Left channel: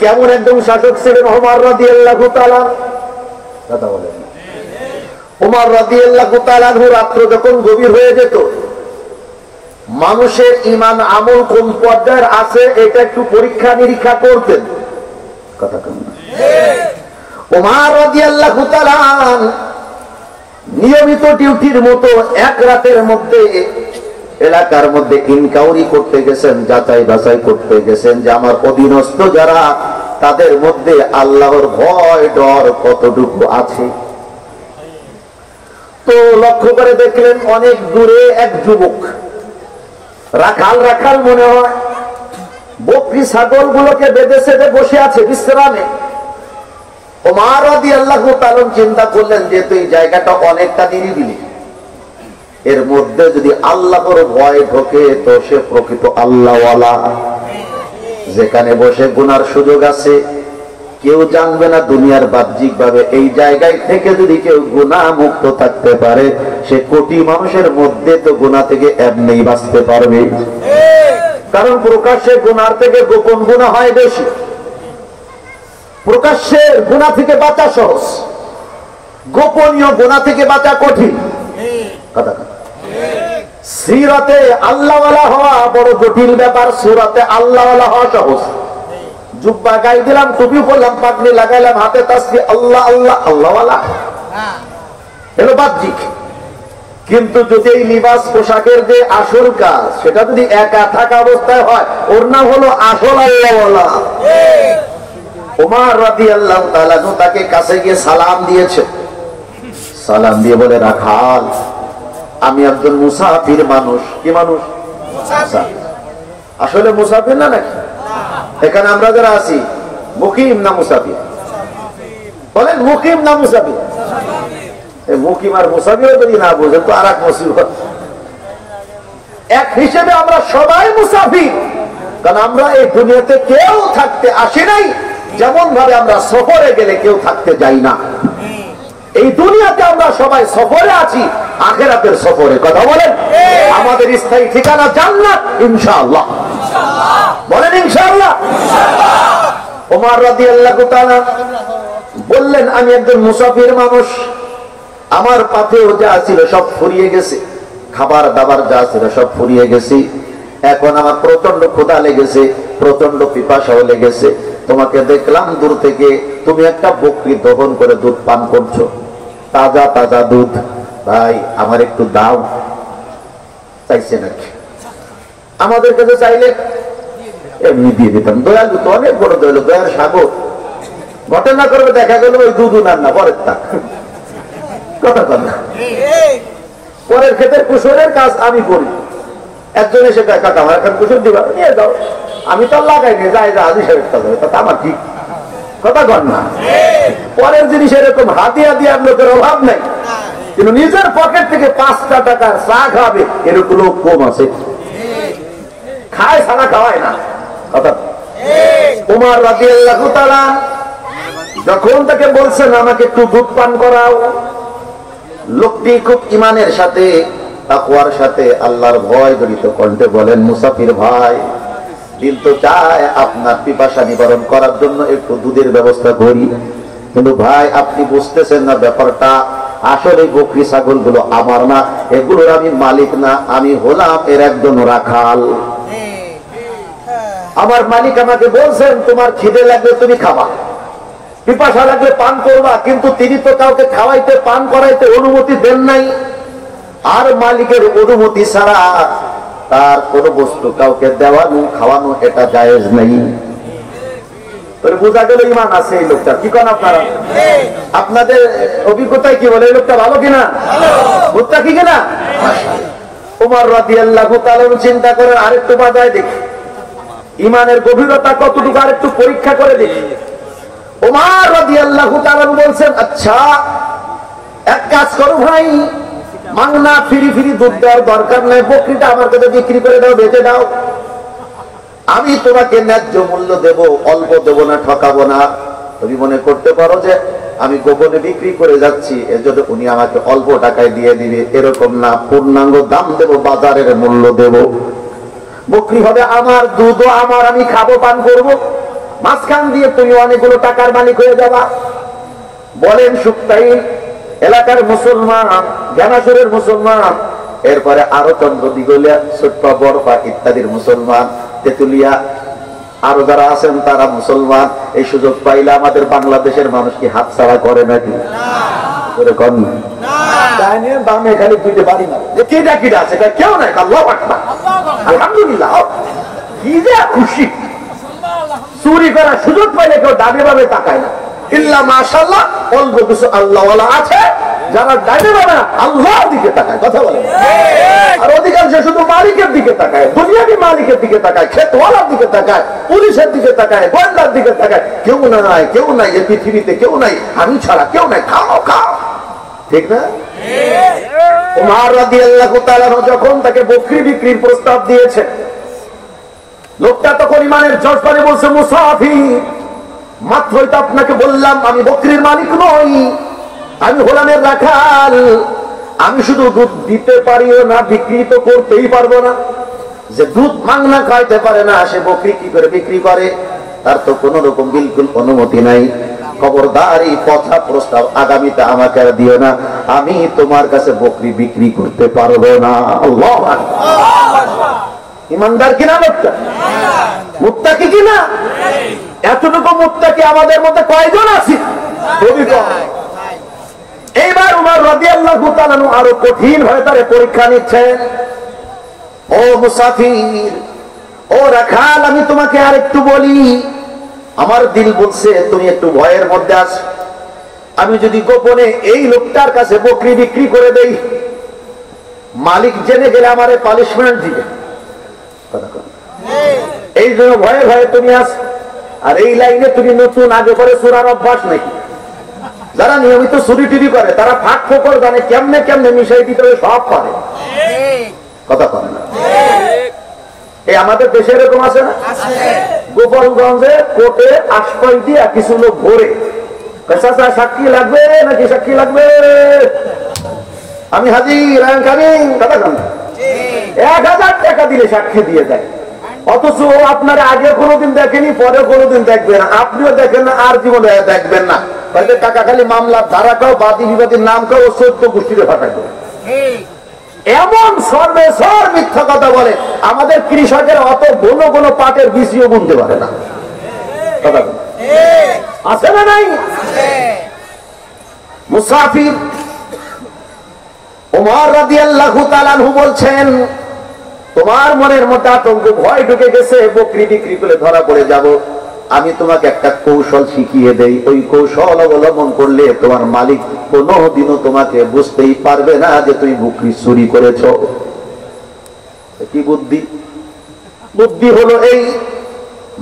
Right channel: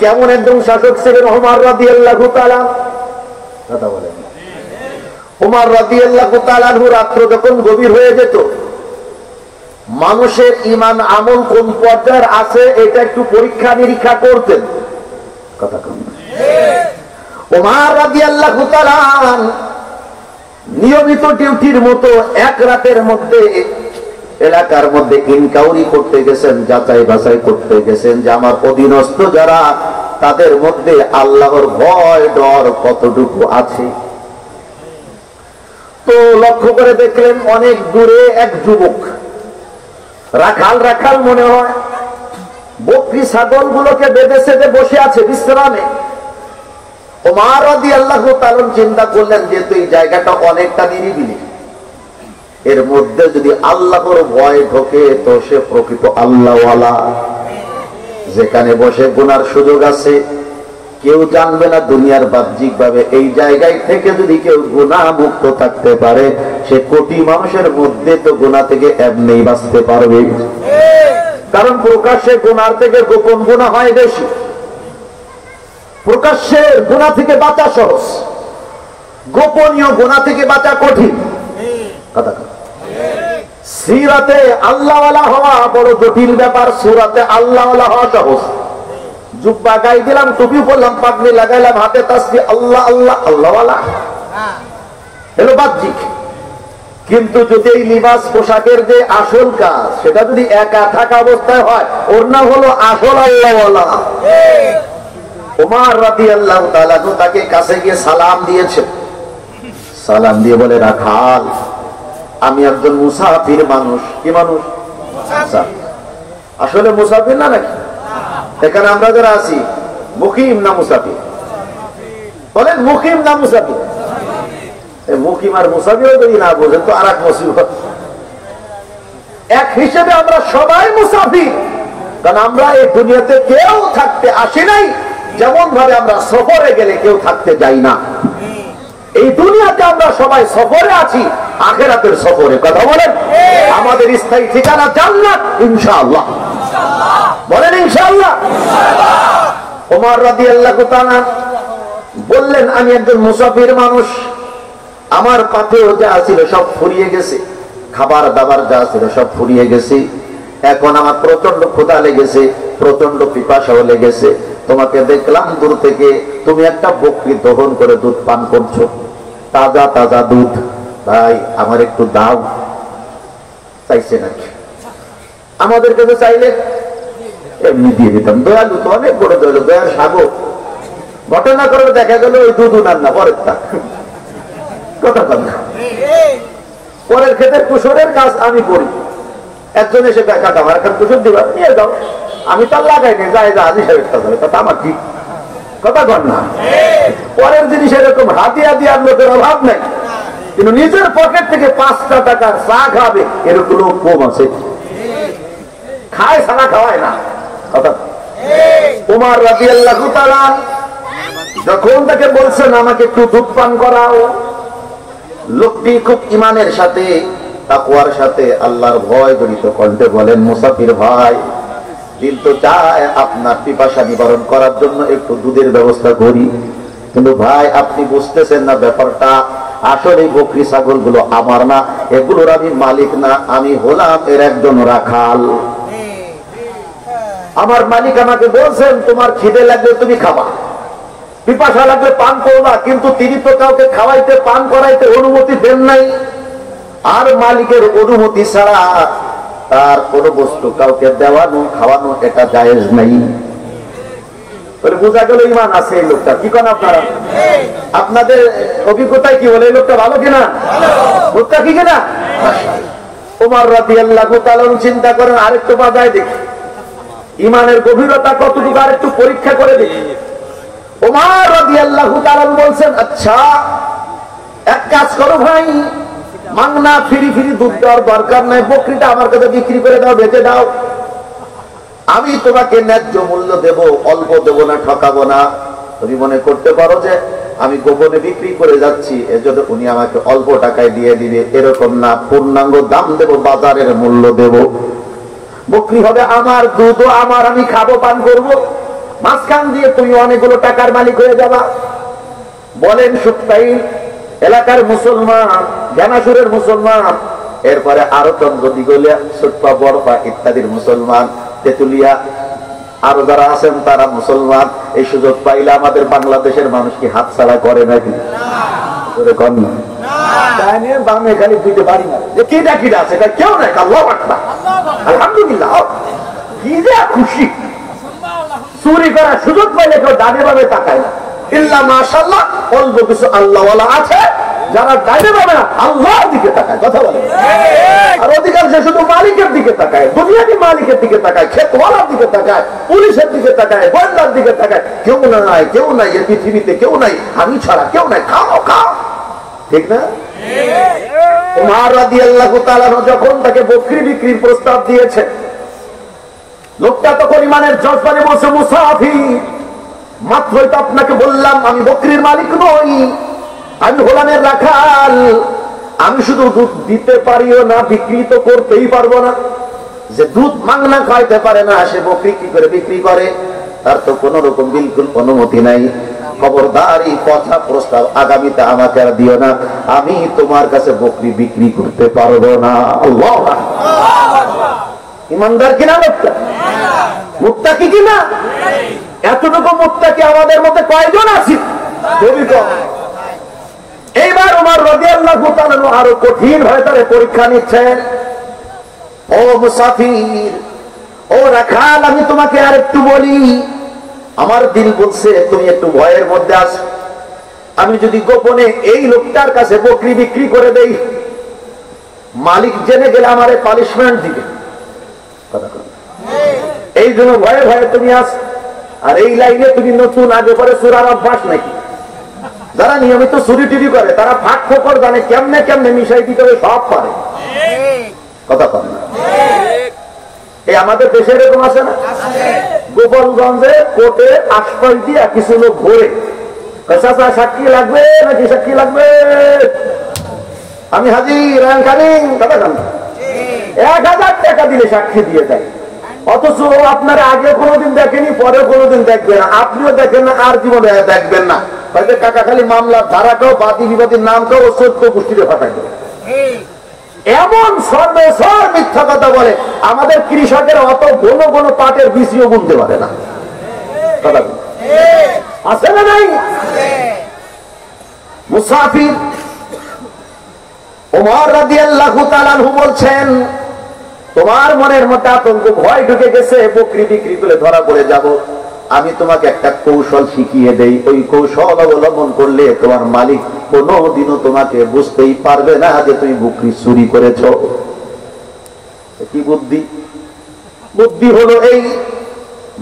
কেমন একজন শাসক ছিলেন ওমর রাদিয়াল্লাহু তাআলা, কথা বলেন। ওমর রাদিয়াল্লাহু তাআলা আনহু রাত্র যখন গভীর হয়ে যেত, মানুষের ঈমান আমল কোন পর্যায়ের আছে এটা একটু পরীক্ষা নিরীক্ষা করতেন, কথা কম না। ওমর রাদিয়াল্লাহু তাআলা নিয়মিত ডিউটির মতো এক রাতের মধ্যে এলাকার মধ্যে ইনকাউরি করতে গেছেন, যাচাই বাছাই করতে গেছেন যে আমার অধীনস্থ যারা তাদের মধ্যে আল্লাহর ভয় ডর কতটুকু আছে। তো লক্ষ্য করে দেখলেন অনেক দূরে এক যুবক, রাখাল মনে হয়, বকরি ছাগল গুলোকে বেঁধে সেধে বসে আছে বিশ্রামে। ওমর রাদিয়াল্লাহু তাআলা চিন্তা করলেন যে এই জায়গাটা অনেকটা নিরিবিলি, এর মধ্যে যদি আল্লাহর ভয় ঢোকে তো সে প্রকৃত আল্লাহওয়ালা। যেখানে বসে গুনার সুযোগ আছে, কেউ জানবে না দুনিয়ার বাহ্যিক ভাবে, এই জায়গায় থেকে যদি কেউ গুনাহ মুক্ত থাকতে পারে সে কোটি মানুষের মধ্যে তো গুনাহ থেকে এমনিই বাঁচতে পারবে। কারণ প্রকাশ্যে গুনার থেকে গোপন গুনাহ হয় বেশি। প্রকাশ্যের গুনাহ থেকে বাঁচা সহজ, গোপনীয় গুনাহ থেকে বাঁচা কঠিন। কথা সিরাতে আল্লাহওয়ালা হওয়া বড় জটিল ব্যাপার, সুরাতে আল্লাহওয়ালা হওয়া সহজ। জুব্বা গায়ে দিলাম, টুপি পরলাম, পাগড়ি লাগাইলাম, হাতে তাসবিহ, আল্লাহ আল্লাহ আল্লাহওয়ালা এলো বাহ্যিক। কিন্তু যদি এই লিবাস পোশাকের যে আসল কাজ সেটা যদি একা থাকা অবস্থায় হয়, ওর নাম হলো আসল আল্লাহওয়ালা। ওমর রাদিয়াল্লাহু তাআলা তাকে কাছে গিয়ে সালাম দিয়েছে। সালাম দিয়ে বলে, রাখাল, আমি একজন মুসাফির মানুষ। কি মানুষ? আসলে মুসাফির না নাকি? এখানে আমরা যারা আছি মুকিম না মুসাফির? বলেন মুকিম না মুসাফির? মুকিম আর মুসাফির যদি না বোঝেন তো আর এক মুসিবত। এক হিসেবে আমরা সবাই মুসাফির, কারণ আমরা এই দুনিয়াতে কেউ থাকতে আসি নাই, যেমন ভাবে আমরা সফরে গেলে কেউ থাকতে যাই না। এই দুনিয়াতে আমরা সবাই সফরে আছি, আখিরাতের সফরে। কথা বলেন, আমাদের স্থায়ী ঠিকানা জান্নাত ইনশাআল্লাহ। বলেন ইনশাআল্লাহ। ওমর রাদিয়াল্লাহু তাআলা বললেন, আমি একজন মুসাফির মানুষ, আমার পাথর যা ছিল সব ফুরিয়ে গেছে, খাবার দাবার যা ছিল সব ফুরিয়ে গেছে, এখন আমার প্রচন্ড ক্ষুধা লেগেছে, প্রচন্ড পিপাসাও লেগেছে। তোমাকে দেখলাম দূর থেকে, তুমি একটা বকরি দহন করে দুধ পান করছো, তাজা তাজা দুধ, ভাই আমার একটু দাও। চাইছে নাকি? আমাদের কাছে চাইলে এমনি দিয়ে দিতাম, দয়ালু তো, অনেক বড় দয়ালু, দয়ার সাগর। ঘটনা করবে দেখা গেল ওই দুধ উনার না, পরের তা কথা কথা পরের ক্ষেতের কুশলের কাজ আমি করি। একজন এসে কাকা আমার এখন কুশল দিবা, নিয়ে যাও। আমি তো লাগাই নি, যাই যা হাজি সাহেব কাজ হবে, তা আমার ঠিক কথা কর না। পরের জিনিস এরকম হাতিয়া দিয়ার লোকের অভাব নাই, কিন্তু নিজের পকেট থেকে 5টা টাকার চা খাবে এরকম লোক কম আছে। খায় ছাড়া খাওয়ায় না। কথা ওমর রাদিয়াল্লাহু তাআলা যখন তাকে বলছেন আমাকে একটু দুধ পান করাও, লোকটি খুব ঈমানের সাথে, তাকওয়ার সাথে, আল্লাহর ভয় জড়িত কণ্ঠে বলেন, মুসাফির ভাই, কিন্তু চায় আপনার পিপাসা নিবারণ করার জন্য একটু দুধের ব্যবস্থা করি, কিন্তু ভাই আপনি বুঝতেছেন না ব্যাপারটা, আসলে বকরি ছাগল গুলো আমার না, এগুলোর আমি মালিক না, আমি হলাম এর একজন রাখাল। আমার মালিক আমাকে বলছেন তোমার খিদে লাগলে তুমি খাবা, পিপাসা লাগলে পান করবা, কিন্তু তিনি তো কাউকে খাওয়াইতে পান করাইতে অনুমতি দেন নাই। আর মালিকের অনুমতি ছাড়া তার কোন বস্তু কাউকে দেওয়ানো খাওয়ানো এটা জায়েজ নাই। বোঝা গেল ঈমান আছে এই লোকটা। কি করেন আপনারা? আপনাদের অভিজ্ঞতায় কি বলে এই লোকটা ভালো কিনা, লোকটা কি কিনা? ওমর রাদিয়াল্লাহু তাআলা চিন্তা করেন আরেকটু বাজায় দেখি ঈমানের গভীরতা কতটুকু, আরেকটু পরীক্ষা করে দেখি। ওমর রাদিয়াল্লাহু তাআলা বলছেন, আচ্ছা এক কাজ করো ভাই, মাংনা ফিরি ফিরি দুধ দেওয়ার দরকার নাই, বকরিটা আমার কাছে বিক্রি করে দাও, বেচে দাও, আমি তোমাকে ন্যায্য মূল্য দেব, অল্প দেব না, ঠকাবো না। তুমি মনে করতে পারো যে আমি গোপনে বিক্রি করে যাচ্ছি এজন্য উনি আমাকে অল্প টাকায় দিয়ে দিবে, এরকম না, পূর্ণাঙ্গ দাম দেব, বাজারের মূল্য দেব। বকরি হবে আমার, দুধও আমার, আমি খাবো, পান করবো, মাঝখান দিয়ে তুমি অনেকগুলো টাকার মালিক হয়ে যাবা। বলেন সুক্তাইল এলাকার মুসলমান, জ্ঞানাসুরের মুসলমান, এরপরে আরো চন্দ্র দিগলিয়া, সুটপা, বরফা ইত্যাদির মুসলমান, তেতুলিয়া আরো যারা আছেন তারা মুসলমান। এই সুযোগ পাইলে আমাদের বাংলাদেশের মানুষ কি হাত ছাড়া করে নাকি? দামে খালি দুইটা বাড়ি মারে যে কেটা কিটা আছে, কেউ নাই। আলহামদুলিল্লাহ, কি যে খুশি। চুরি করার সুযোগ পাইলে কেউ ডানে ভাবে তাকায় না। ইল্লা মাশাআল্লাহ অল্প কিছু আল্লাহওয়ালা আছে যারা ডানে ভাবে না, আল্লাহর দিকে তাকায়। কথা বলে। আর অধিকাংশ শুধু মালিকের দিকে তাকায়, দুনিয়াকে মালিকের দিকে তাকায়, ক্ষেতওয়ালার দিকে তাকায়, পুলিশের দিকে তাকায়, গোয়েন্দার দিকে তাকায়। কেউ নাই, কেউ নাই, এই পৃথিবীতে কেউ নাই, আমি ছাড়া কেউ নাই। খাও খাও, ঠিক না? উমর রাদিয়াল্লাহু তাআলা যখন তাকে বকরি বিক্রির প্রস্তাব দিয়েছে, লোকটা তখন ইমানের জজবানে বলছে, মুসাফির, মাত্রই তো আপনাকে বললাম আমি বকরির মালিক নই, আমি হলামের রাখাল। আমি শুধু দুধ দিতে পারিও না, বিক্রি তো করতেই পারবো না। যে দুধ মাংনা খাইতে পারে না সে বকরি কি করে বিক্রি করে? তার তো কোন রকম বিলকুল অনুমতি নাই। খবরদার এই কথা প্রস্তাব আগামীতে আমাকে আর দিও না, আমি তোমার কাছে বকরি বিক্রি করতে পারবো না। আল্লাহু আকবার। ইমানদার কিনা লোকটা? মুত্তাকি কিনা? এতটুকু মুত্তাকি আমাদের মধ্যে কয়জন আছে? খুবই কম। এইবার উমর রাদিয়াল্লাহু তাআলা আরো কঠিন ভাবে তার পরীক্ষা নিচ্ছেন। ও মুসাফির, ও রাখাল, আমি তোমাকে আর একটু বলি, আমার দিল বলছে তুমি একটু ভয়ের মধ্যে আছো। আমি যদি গোপনে এই লোকটার কাছে বকরি বিক্রি করে দেই, মালিক জেনে গেলে আমারে পানিশমেন্ট দিবে। এই জন্য ভয়ে ভয়ে তুমি আস। আর এই লাইনে তুমি নতুন, আগে করে চোরার অভ্যাস নাকি? যারা নিয়মিত চুরি টুরি করে তারা ফাঁক ফোকর জানে, কেমনে কেমনে মিশাই দিতে হবে সব পারে। কথা করে না? এই আমাদের দেশে এরকম আছে না? গোপালগঞ্জে কোর্টে আশপাশ দিয়ে কিছু লোক ঘোরে, সাক্ষী লাগবে নাকি? সাক্ষী লাগবে, আমি হাজির, কথা কান 1000 টাকা দিলে সাক্ষী দিয়ে দেয়। অথচ আপনারা আগে কোনোদিন দেখেনি, পরে কোনোদিন দেখবেন, আপনিও দেখেন না, আর জীবনে দেখবেন না। তাদের টাকা খালি মামলার ধারাটাও, বাদী বিবাদীর নামটাও 14 গোষ্ঠীতে ফাটাই দেবে। এমন সর্বে সর মিথ্যা কথা বলে, আমাদের কৃষকের অত ঘন ঘন পাটের বীজও বুনতে পারে না। কথা আছে না নাই? মুসাফির উমর রাদিয়াল্লাহু তাআলা আনহু বলছেন, তোমার মনের মধ্যে আতঙ্ক, ভয় ঢুকে গেছে, বকরি বিক্রি করে ধরা পড়ে যাব। আমি তোমাকে একটা কৌশল শিখিয়ে দেই, ওই কৌশল অবলম্বন করলে তোমার মালিক কোনদিনও তোমাকে বুঝতেই পারবে না যে তুমি বকরি চুরি করেছ। কি বুদ্ধি? বুদ্ধি হলো এই,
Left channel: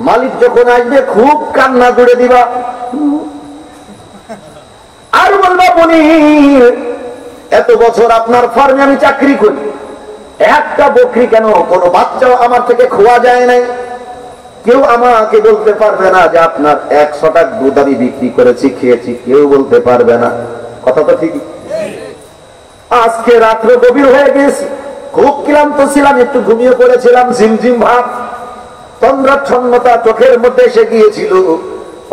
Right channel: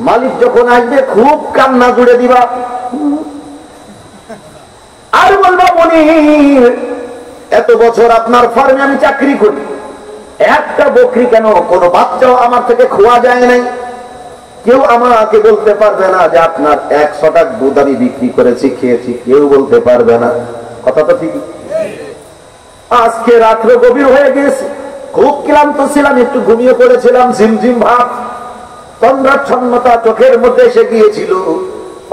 মালিক যখন আসবে খুব কান্না জুড়ে দিবা, আর বলবা, মনির, এত বছর আপনার ফার্মে আমি চাকরি করি, একটা বকরি কেন কোনো বাচ্চাও আমার থেকে খোয়া যায় নাই। কেউ আমাকে বলতে পারবে না যে আপনার 100 টাকা দুধ আমি বিক্রি করেছি, খেয়েছি, কেউ বলতে পারবে না। কথা তো ঠিকই। আজকে রাত্রে গভীর হয়ে গিয়েছে, খুব ক্লান্ত ছিলাম, একটু ঘুমিয়ে পড়েছিলাম, ঝিমঝিম ভাব, তন্দ্রাচ্ছন্নতা চোখের মধ্যে এসে গিয়েছিল।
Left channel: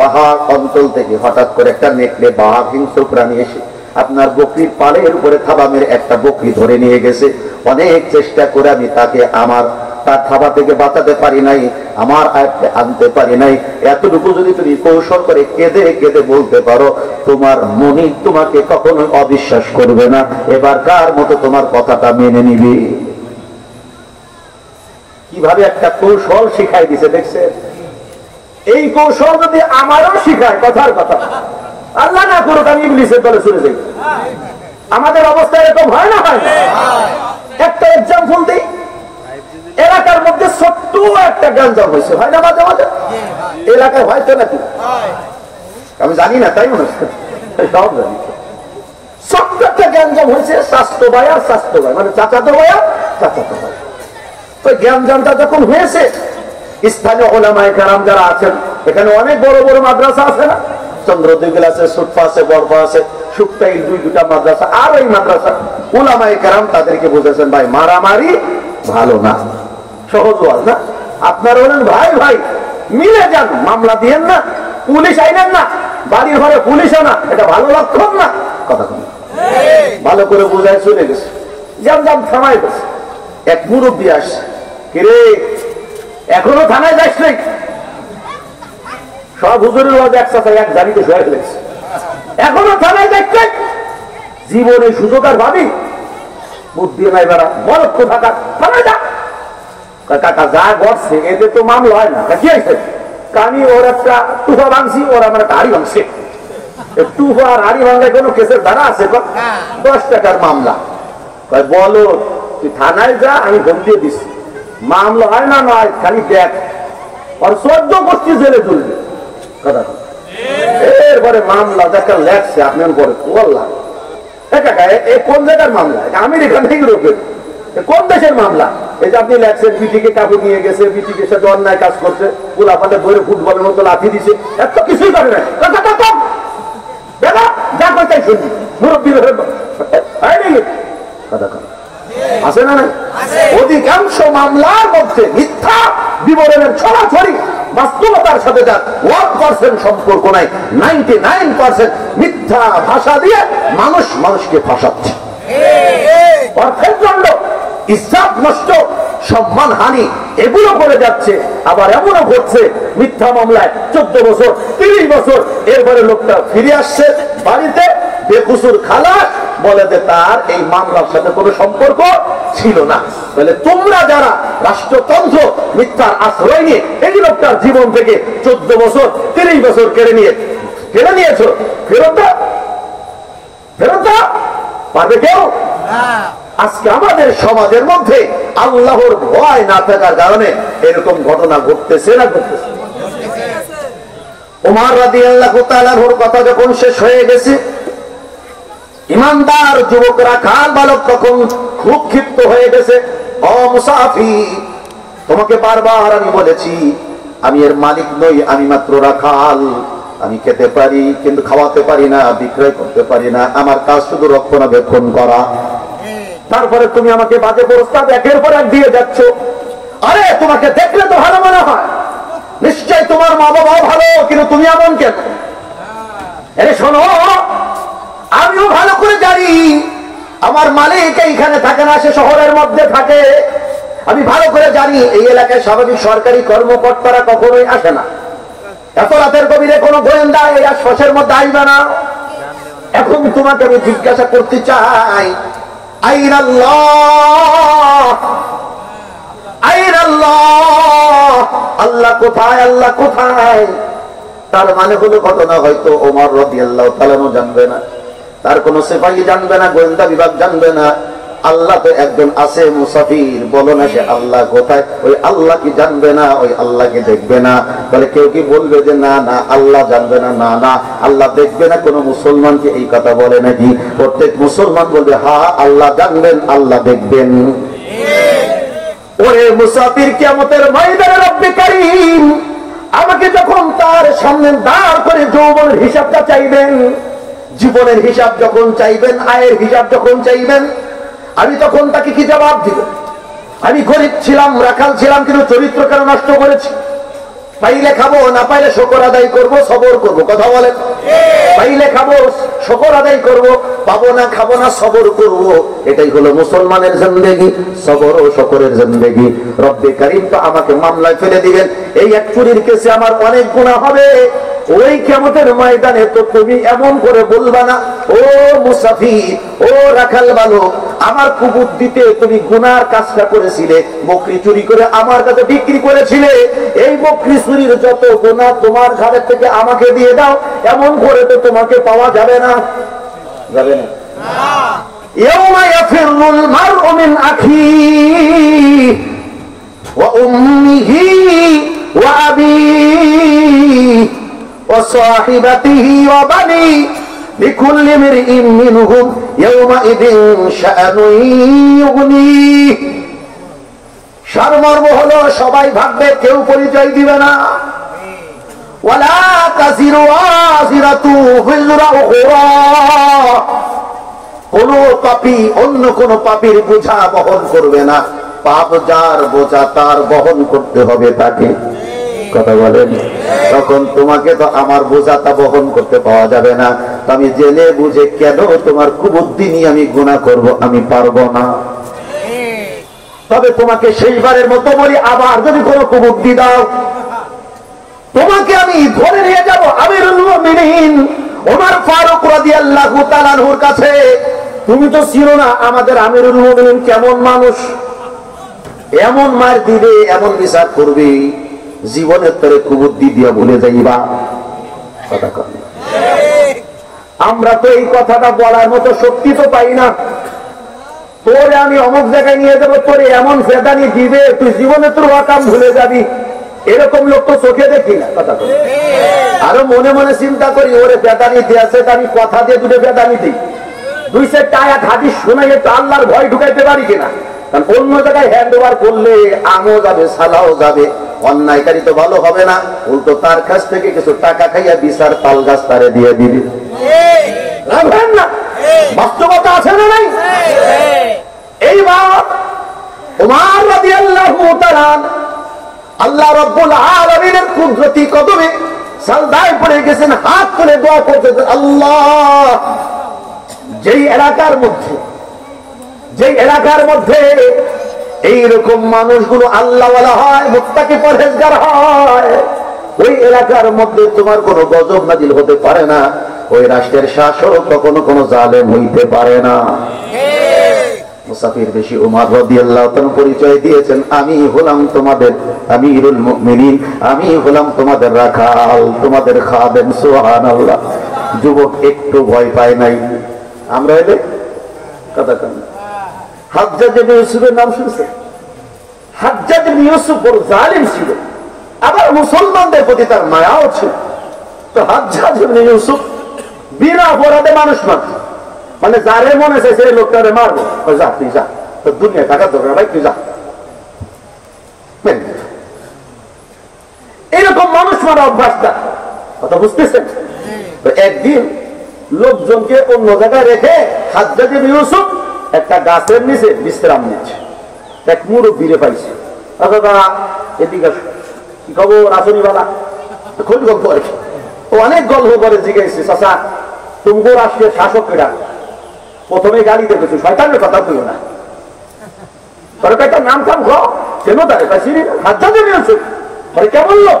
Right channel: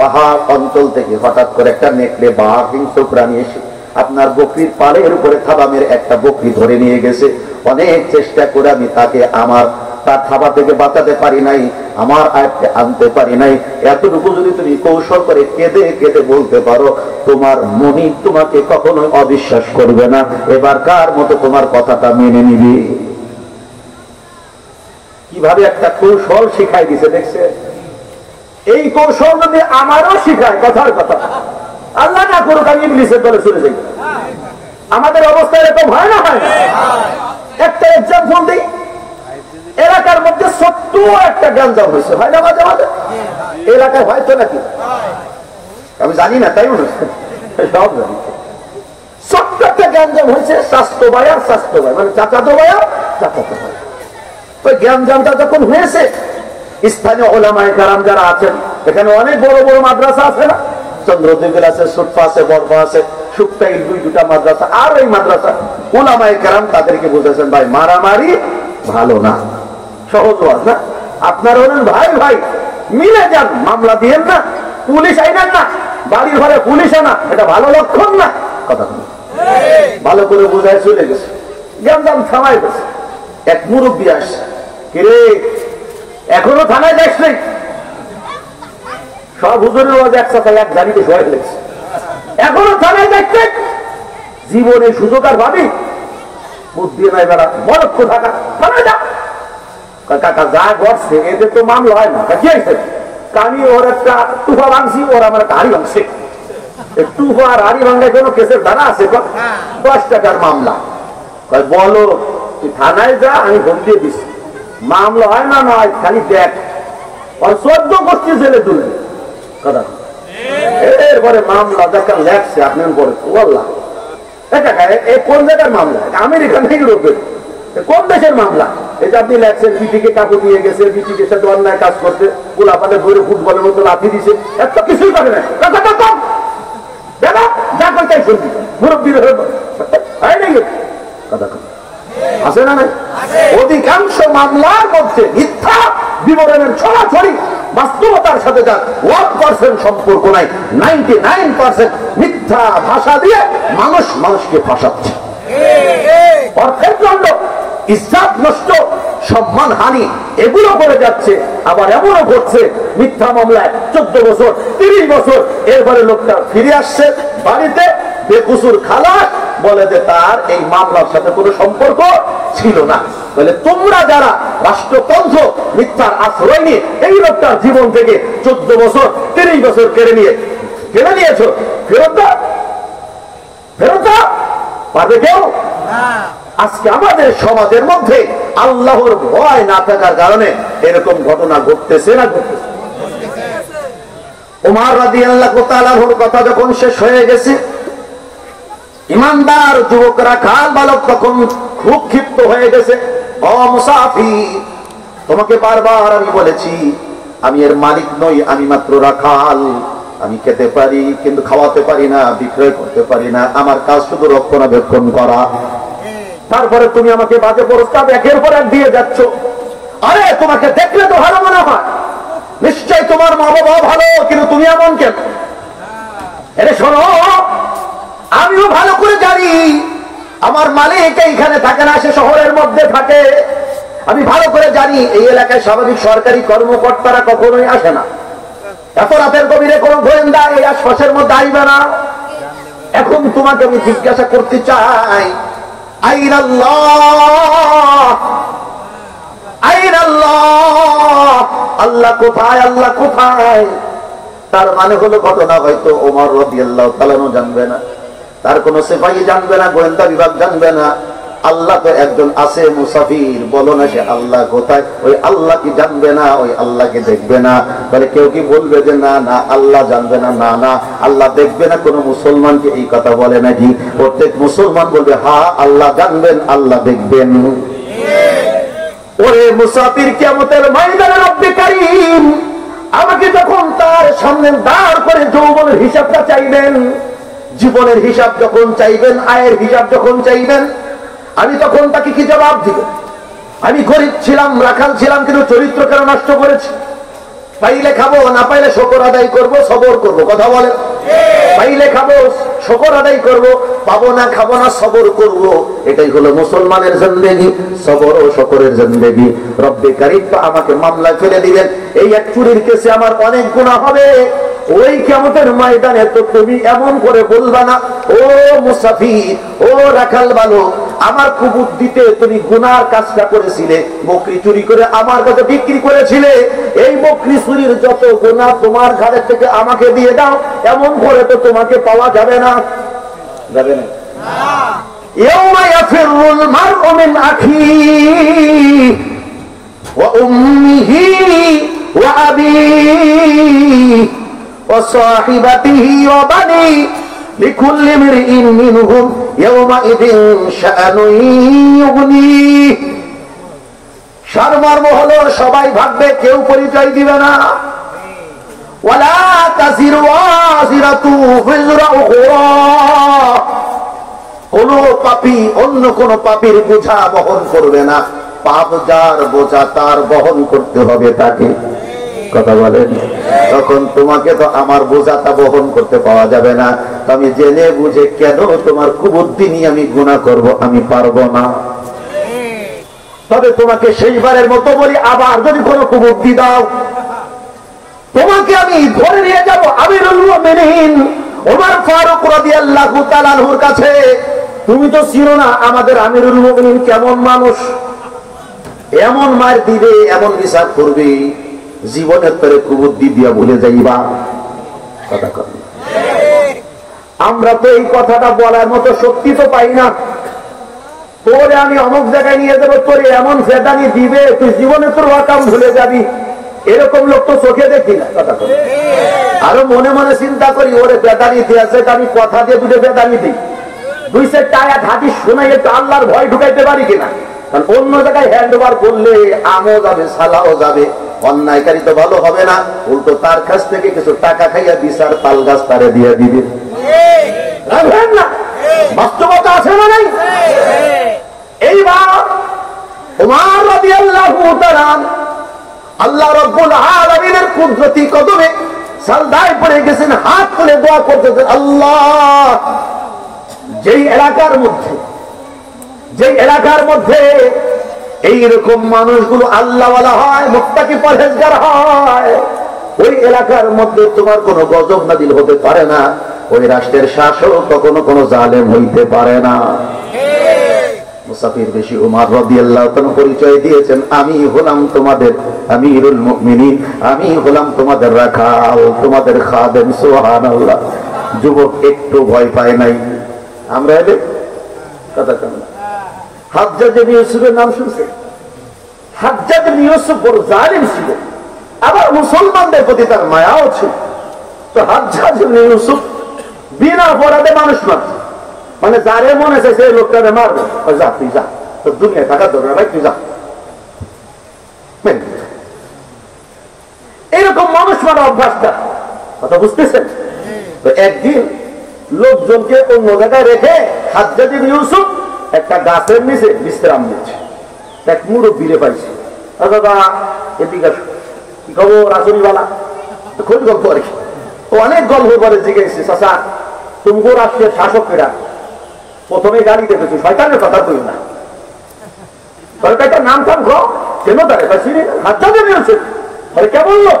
পাহাড় অঞ্চল থেকে হঠাৎ করে একটা নেকড়ে, বাঘ, হিংস্র প্রাণী এসে আপনার বকরির পালের উপরে থাবা মেরে একটা বকরি ধরে নিয়ে গেছে। অনেক চেষ্টা করে আমি তাকে তার থাবা থেকে বাঁচাতে পারি নাই, আমার আয়ত্তে আনতে পারি নাই। এতটুকু যদি তুমি কৌশল করে কেঁদে কেঁদে বলতে পারো, তোমার মনি তোমাকে কখনোই অবিশ্বাস করবে না, এবার কার মতো তোমার কথাটা মেনে নিবি। কিভাবে একটা কৌশল শিখাই দিছে দেখছে। এই কৌশল যদি আমারও শিখায়, কথার কথা, আল্লাহ না করুক আমি ইবলিসের দলে চলে যাই। আমাদের অবস্থা এরকম হয় না? হয় না? একটা এক্সাম্পল দিই, এলাকার মধ্যে ছোট্ট একটা গ্যাঞ্জাম হয়েছে, হয় না মাঝে মাঝে? এলাকায় হয়তো নাকি আমি জানি না, তাই মনে সব জানি। ছোট্ট একটা গ্যাঞ্জাম হয়েছে, স্বাস্থ্য ভাই আর স্বাস্থ্য ভাই, মানে চাচাতো ভাই আর চাচাতো ভাই। তো গ্যাঞ্জামটা যখন হয়েছে, স্থানীয় ওলামায়ে কেরাম যারা আছেন, এখানে অনেক বড় বড় মাদ্রাসা আছে না, চন্দ্রদ্বীপ আছে, সুটপা আছে, বরফা আছে, শুক্তাইল, দুটা মাদ্রাসা, আর ওই মাদ্রাসা ওলামায়ে কেরাম তাদেরকে বুঝেছেন, ভাই মারামারি ভালো না, সহজ ওয়াজ না। আপনারা বলেন ভাই ভাই মিলে যান, মামলা দিয়েন না, পুলিশ আইনেন না, বাড়ির ঘরে পুলিশ আনা, এটা ভালো লক্ষণ না। কথা কম ভালো করে বোঝায় চলে গেছে, জাম থামায় গেছে। এক মুরব্বী আসছে, কিরে এখনো থানায় যাস নাই? সব হুজুরের ওয়াজ একসাথে এক গাড়িতে শোয়া ফেলেছে, এখনো থানায় যাচ্ছে? জীবনে সুযোগ আর ভাবি বুদ্ধি নাই বেড়া, বরক্ষ থাকা থানায় যা। কাকা যা করছে এতে তো মামলা হয় না। কি আছে? আমি ওর একটা টুফা ভাঙছি, ওর আমার একটা হাড়ি ভাঙছে। টুফা আর হাড়ি ভাঙলে কোনো কেসের ধারা আছে? 10 টাকার মামলা। বলো তুই থানায় যা, আমি ধমকিয়ে দিচ্ছি, মামলা হয় না নয় খালি দেখ, আর 14 গোষ্ঠী জেলে তুলবে। কথা এরপরে মামলা দেখা লেখছে আপনার পরে বললাম কোন জায়গার মামলা? আমেরিকা না ইউরোপের? কোন দেশের মামলা? এই যে আপনি লেখছেন বিটিকে কাপড় নিয়ে গেছে, বিটিকে সাথে অন্যায় কাজ করছে, গোলাপাতে ধরে ফুটবলের মতো লাথি দিছে, এত কিছুই করে না। যা করতে শুনবি মুরব্বীর কথা আছে না? অধিকাংশ মামলার মধ্যে মিথ্যা বিবরণের ছড়াছড়ি, বাস্তবতার সাথে যার 1% সম্পর্ক নাই। 99% মিথ্যা ভাষা দিয়ে মানুষকে ফাঁসাচ্ছে। অর্থের জন্য ইজ্জত নষ্ট, সম্মান হানি, এগুলো করে যাচ্ছে। আবার এমনও ঘটছে মিথ্যা মামলায় 14 বছর 30 বছর, এরপরে লোকটা ফিরে আসছে বাড়িতে বেকুসুর খালাস, বলে যে তার এই মামলার সাথে কোনো সম্পর্ক ছিল না। বলে তোমরা যারা রাষ্ট্রতন্ত্র মিথ্যার আশ্রয় নিয়ে এই লোকটার জীবন থেকে 14 বছর 30 বছর কেড়ে নিয়েছো, ফেরত পারবে কেউ? আজকে আমাদের সমাজের মধ্যে আল্লাহর ভয় না থাকার কারণে এরকম ঘটনা ঘটতেছে না ঘটতেছে। ওমর রাদিয়াল্লাহু তাআলার কথা যখন শেষ হয়ে গেছে, ইমানদার যুবকরা খাল বালক তখন খুব ক্ষিপ্ত হয়ে গেছে। ও মুসাফির, তোমাকে বারবার আমি বলেছি আমি এর মালিক নই, আমি মাত্র রাখাল। আমি খেতে পারি কিন্তু খাওয়াতে পারি না, বিক্রয় করতে পারি না, আমার কাজ শুধু রক্ষণাবেক্ষণ করা। তারপরে তুমি আমাকে বাজে প্রস্তাব একের পর এক দিয়ে যাচ্ছ। আরে তোমাকে দেখলে তো ভালো মনে হয়, নিশ্চয় তোমার মা বাবা ভালো, কিন্তু তুমি এমন কেন? আরে শোনো, আমিও ভালো করে জানি আমার মালিক এইখানে থাকে না, সে শহরের মধ্যে থাকে। আমি ভালো করে জানি এই এলাকায় স্বাভাবিক সরকারি কর্মকর্তারা কখনোই আসে না। এত রাতের গভীরে কোনো গোয়েন্দা এই আশপাশের মধ্যে আসবে না। এখন তোমাকে আমি জিজ্ঞাসা করতে চাই, আল্লাহ কোথায়? আল্লাহ কোথায়? তার মানে হলো ঘটনা হয়তো ওমর রাদিয়াল্লাহু তাআলা জানবে না, তার কোন সিপাহী জানবে না, গোয়েন্দা বিভাগ জানবে না। আল্লাহ তো একজন আছে। মুসাফির বলো না সে আল্লাহ কোথায়? ওই আল্লাহ কি জানবে না? ওই আল্লাহকে দেখবে না? তাহলে কেউ কি বলবে যে না না আল্লাহ জানবে না? না না আল্লাহ দেখবে না। কোন মুসলমানকে এই কথা বলে নাকি? প্রত্যেক মুসলমান বলবে হ্যাঁ আল্লাহ জানবেন, আল্লাহ দেখবেন। ওরে মুসাফির, কিয়ামতের ময়দানে রব্বে কারীম আমাকে যখন তার সামনে দাঁড় করে যৌবনের হিসাবটা চাইবেন, জীবনের হিসাব যখন চাইবেন, আয়ের হিসাব যখন চাইবেন, আমি তখন তাকে কি জবাব দিব? আমি গরিব ছিলাম, রাখাল ছিলাম, কিন্তু চরিত্র কেন নষ্ট করেছি? পাইলে খাবো, না পাইলে শকর আদায় করবো, সবর করবো। কথা বলে, পাইলে খাবো, শকর আদায় করবো, পাবো না খাবো না, সবর করবো। এটাই হলো মুসলমানের জিন্দেগি, সবর ও শকরের জিন্দেগি। রব্বে কারীম তো আমাকে মামলায় ফেলে দিবেন। এই এক চুরির কেসে আমার অনেক গুনাহ হবে। ওই কিয়ামতের ময়দানে তো তুমি এমন করে বলবা না, ও মুসাফির, ও রাখাল বালক, আমার কুবুদ্ধিতে তুমি গুনার কাজটা করেছিলে, বকরি চুরি করে আমার কাছে বিক্রি করেছিলে। এই বকরি চুরির যত গুনাহ তোমার ঘাড়ের থেকে আমাকে দিয়ে দাও, এমন করে তো তোমাকে পাওয়া যাবে না। যাবে না। ইয়াউমা ইয়াফিরুল মারউ মিন আখিহি ওয়া উম্মিহি ওয়া আবিহি وصاحبته وبنيه لكل امرئ منهم يومئذ شأن يغنيه। সারমর্ম হলো সবাই ভাববে, কেউ পরিচয় দিবে না। ওয়ালা তাজিরু ওয়াজিরাতু বিজরা উখরা, কোন পাপী অন্য কোন পাপীর বোঝা বহন করবে না। পাপ যার বোঝা তার বহন করতে হবে তাকে। কথা বলেন। তখন তোমাকে তো আমার বোঝাটা বহন করতে পাওয়া যাবে না, আমি জেনে বুঝে কেন তোমার কুবুদ্ধি নিয়ে আমি গুনাহ করব, আমি পারবো না। তবে তোমাকে সেইবারের মতো বলি, আবার যদি কোনো কুবুদ্ধি দাও তোমাকে আমি ধরে নিয়ে যাব আমিরুল মুমিনিন ওমর ফারুক রাদিয়াল্লাহু তাআলা আনহুর কাছে। তুমি তো ছিল না আমাদের আমিরুল মুমিনিন কেমন মানুষ, এমন মার দিবে, এমন বিচার করবে, জীবনের তরে কুবুদ্ধি দিয়া ভুলে যাইবা। কথা কর, আমরা তো এই কথাটা বলার মতো শক্তি তো পাই না। তোরে আমি অমুক জায়গায় নিয়ে যাবো, তোরে এমন ফেদানি দিবে তুই জীবনে তোর বাতাম ভুলে যাবি, এরকম লোক তো চোখে দেখি না। কথা বলি, আরো মনে মনে চিন্তা করি ওরে বেদানি দিয়েছে, আমি কথা দিয়ে দুটো বেদানি দিই, দুই সে টায়া ঘাটি শোনাই একটু আল্লাহর ভয় ঢুকাইতে পারি কিনা। কারণ অন্য জায়গায় হ্যান্ড ওভার করলে আমও যাবে, সালাও যাবে, অন্যায়কারী তো ভালো হবে না, উল্টো তার কাছ থেকে কিছু টাকা খাইয়া বিচার তাল গাছ তারে দিয়ে দিবে। রাখবেন না, বাস্তবতা আছে না নাই? এইবার ওমর রাদিয়াল্লাহু তাআলা আল্লাহ রাব্বুল আলামিনের কুদরতি কদমে সাজদায় পড়ে গেছেন, হাত তুলে দোয়া করতেছেন, আল্লাহ যেই এলাকার মধ্যে এইরকম মানুষগুলো আল্লাহওয়ালা হয়, মুত্তাকি পরহেজগার হয়, ওই এলাকার মধ্যে তোমার কোনো গজব নাজিল হতে পারে না, ওই রাষ্ট্রের শাসক কখনো কোনো জালেম হইতে পারে না। মুসাফির বেশি উমর রাদিয়াল্লাহু তাআলা পরিচয় দিয়েছেন, আমি হলাম তোমাদের আমিরুল মুমিনিন, আমি হলাম তোমাদের রাখাল, তোমাদের খাদেম। সুবহানাল্লাহ। যুবক একটু ভয় পায় নাই। আমরা এদের কথা কেন, হাজ্জাজ ইবনে ইউসুফের নাম শুনছেন? হাজ্জাজ ইবনে ইউসুফ বড় জালিম ছিল, আবার মুসলমানদের প্রতি তার মায়াও ছিল। তো হাজ্জাজ ইবনে ইউসুফ বিনা অপরাধে মানুষ মারত, মানে যারে মনে চাইছে এই লোকটারে মারবে, যা তুই যা, তোর দুনিয়া টাকা দরকার ভাই, তুই যা। এইরকম মানুষ মারা অভ্যাসটা, কথা বুঝতেছেন? তো একদিন লোকজনকে অন্য জায়গায় রেখে হাজ্জাজ ইবনে ইউসুফ একটা গাছের নিচে বিশ্রাম নিচ্ছে। এক মুরব্বীরে পাইছে, দাদা এদিকে কি খবর আসনিওয়ালা, খোঁজ গল্প আর কি। অনেক গল্প করে জিজ্ঞেস, চাচা তুমগো রাষ্ট্রের শাসকেরা প্রথমে গাড়ি দেখেছো, শয়তানের কথা কই না, তোর একটা নাম টাম কেন দাঁড়ে হাজ্জাজ ইবনে ইউসুফ মানে কেমন লোক,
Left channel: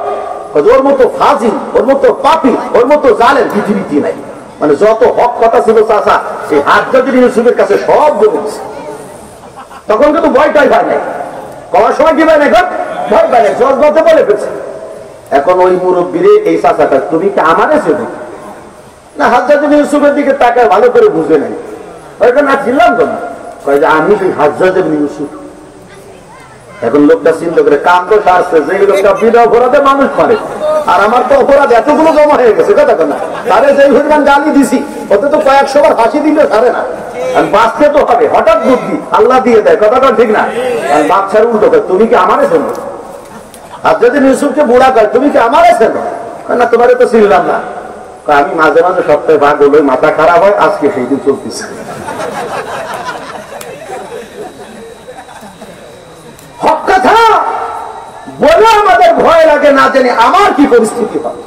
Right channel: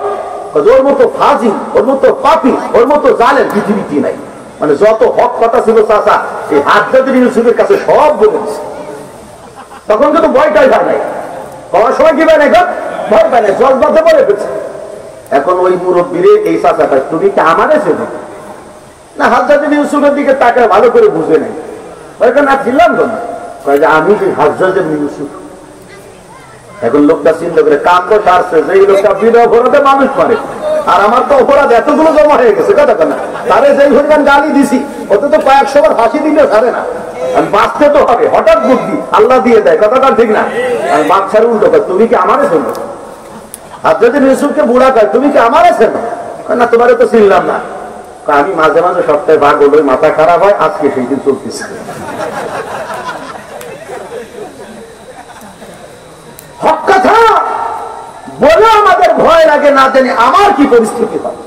ওর মতো ফাজিল, ওর মতো পাপী, ওর মতো জালেম পৃথিবীতে নাই। মানে যত হক কথা ছিল চাচা এই হাজ্জাজ ইবনে ইউসুফের কাছে সব বলে দিচ্ছে। তখন কিন্তু ভয়টাই পায় নাই, করার সময় কি পায় নাই, ভয় পায় নাই, জজবাজে বলে ফেলছে। এখন ওই মুরব্বীরে এই চাচাটা তুমি কি আমারে চেনো না? হাজ্জাজ ইবনে ইউসুফের দিকে তাকায় ভালো করে বুঝে নাই, না ছিলাম তো না, আমি সেই হাজ্জাজ ইবনে ইউসুফ। এখন লোকটা চিন্তা করে কান্দ সারছে যে এই লোকটা বিনা অপরাধে মানুষ মারে, আর আমার তো অপরাধ এতগুলো জমা হয়ে গেছে। কথা না, তারে যেই হরিগান গালি দিছি ওতে তো কয়েকশো বার ফাঁসি দিলে সারে না, আর বাঁচতে তো হবে, হঠাৎ বুদ্ধি আল্লাহ দিয়ে দেয়, কথাটা ঠিক না? আর বাচ্চার উল্টো কয় তুমি কি আমারে চেনো? হাজ্জাজ ইবনে ইউসুফকে বুড়া কয় তুমি কি আমারে চেনো? না তোমারে তো চিনলাম না। আমি মাঝে মাঝে সপ্তাহে ভাগ হলো, মাথা খারাপ হয়, আজকে সেই দিন চলতেছে। হক কথা বলে আমাদের ভয় লাগে, না জানি আমার কি পরিস্থিতি হয়।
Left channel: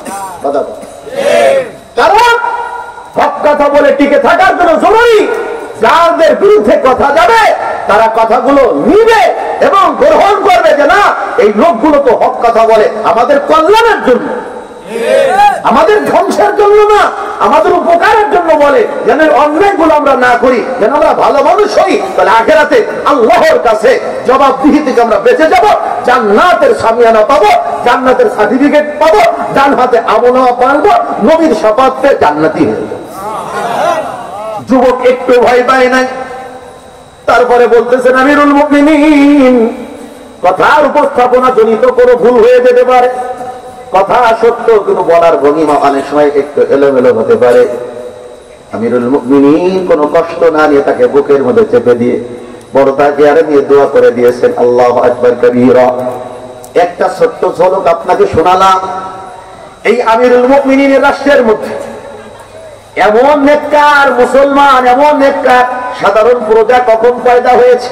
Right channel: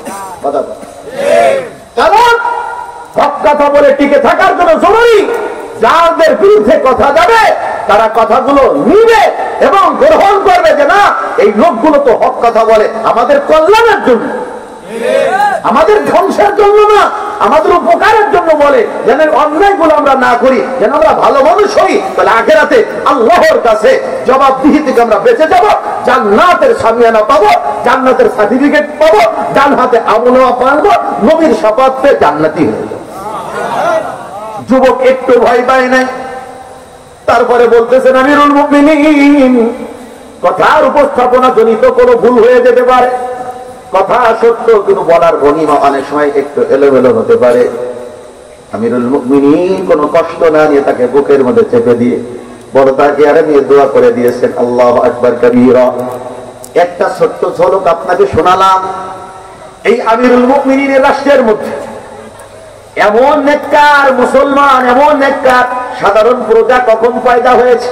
কারণ হক কথা বলে টিকে থাকার জন্য জরুরি যাদের বিরুদ্ধে কথা যাবে তারা কথাগুলো নিবে এবং গ্রহণ করবে, যে না এই লোকগুলো তো হক কথা বলে আমাদের কল্যাণের জন্য, আমাদের ধ্বংসের জন্য না, আমাদের উপকারের জন্য বলে, যেন অন্যায়গুলো আমরা না করি, যেন আমরা ভালো মানুষ হই। তাহলে আখিরাতে আল্লাহর কাছে জবাবদিহি থেকে আমরা বেঁচে যাব, জান্নাতের সামিয়ানা পাবো, জান্নাতের সার্টিফিকেট পাবো, ডান হাতে আমলনামা পাবো, নবীর শাফাত পেয়ে জান্নাতি হয়ে যাবো। যুবক একটু ভয় পায় নাই। তারপরে বলতেছেন আমিরুল মুমিনিন, কথার উপস্থাপনা জনিত কোনো ভুল হয়ে যেতে পারে, কথা সত্য কিন্তু বলার ভঙ্গিমা অনেক সময় একটু এলোমেলো হতে পারে। আমিরুল মুমিনিন কোনো কষ্ট না নিয়ে তাকে বুকের মধ্যে চেপে দিয়ে বড় তাকে আরে নিয়ে দোয়া করে দিয়েছেন, আল্লাহু আকবার কাবীরা। একটা ছোট্ট ঝলক আপনাকে শোনালাম। এই আমিরুল মুমিনিনের রাষ্ট্রের মধ্যে এমন নেককার মুসলমান, এমন নেককার সাধারণ প্রজা কখন পয়দা হয়েছে?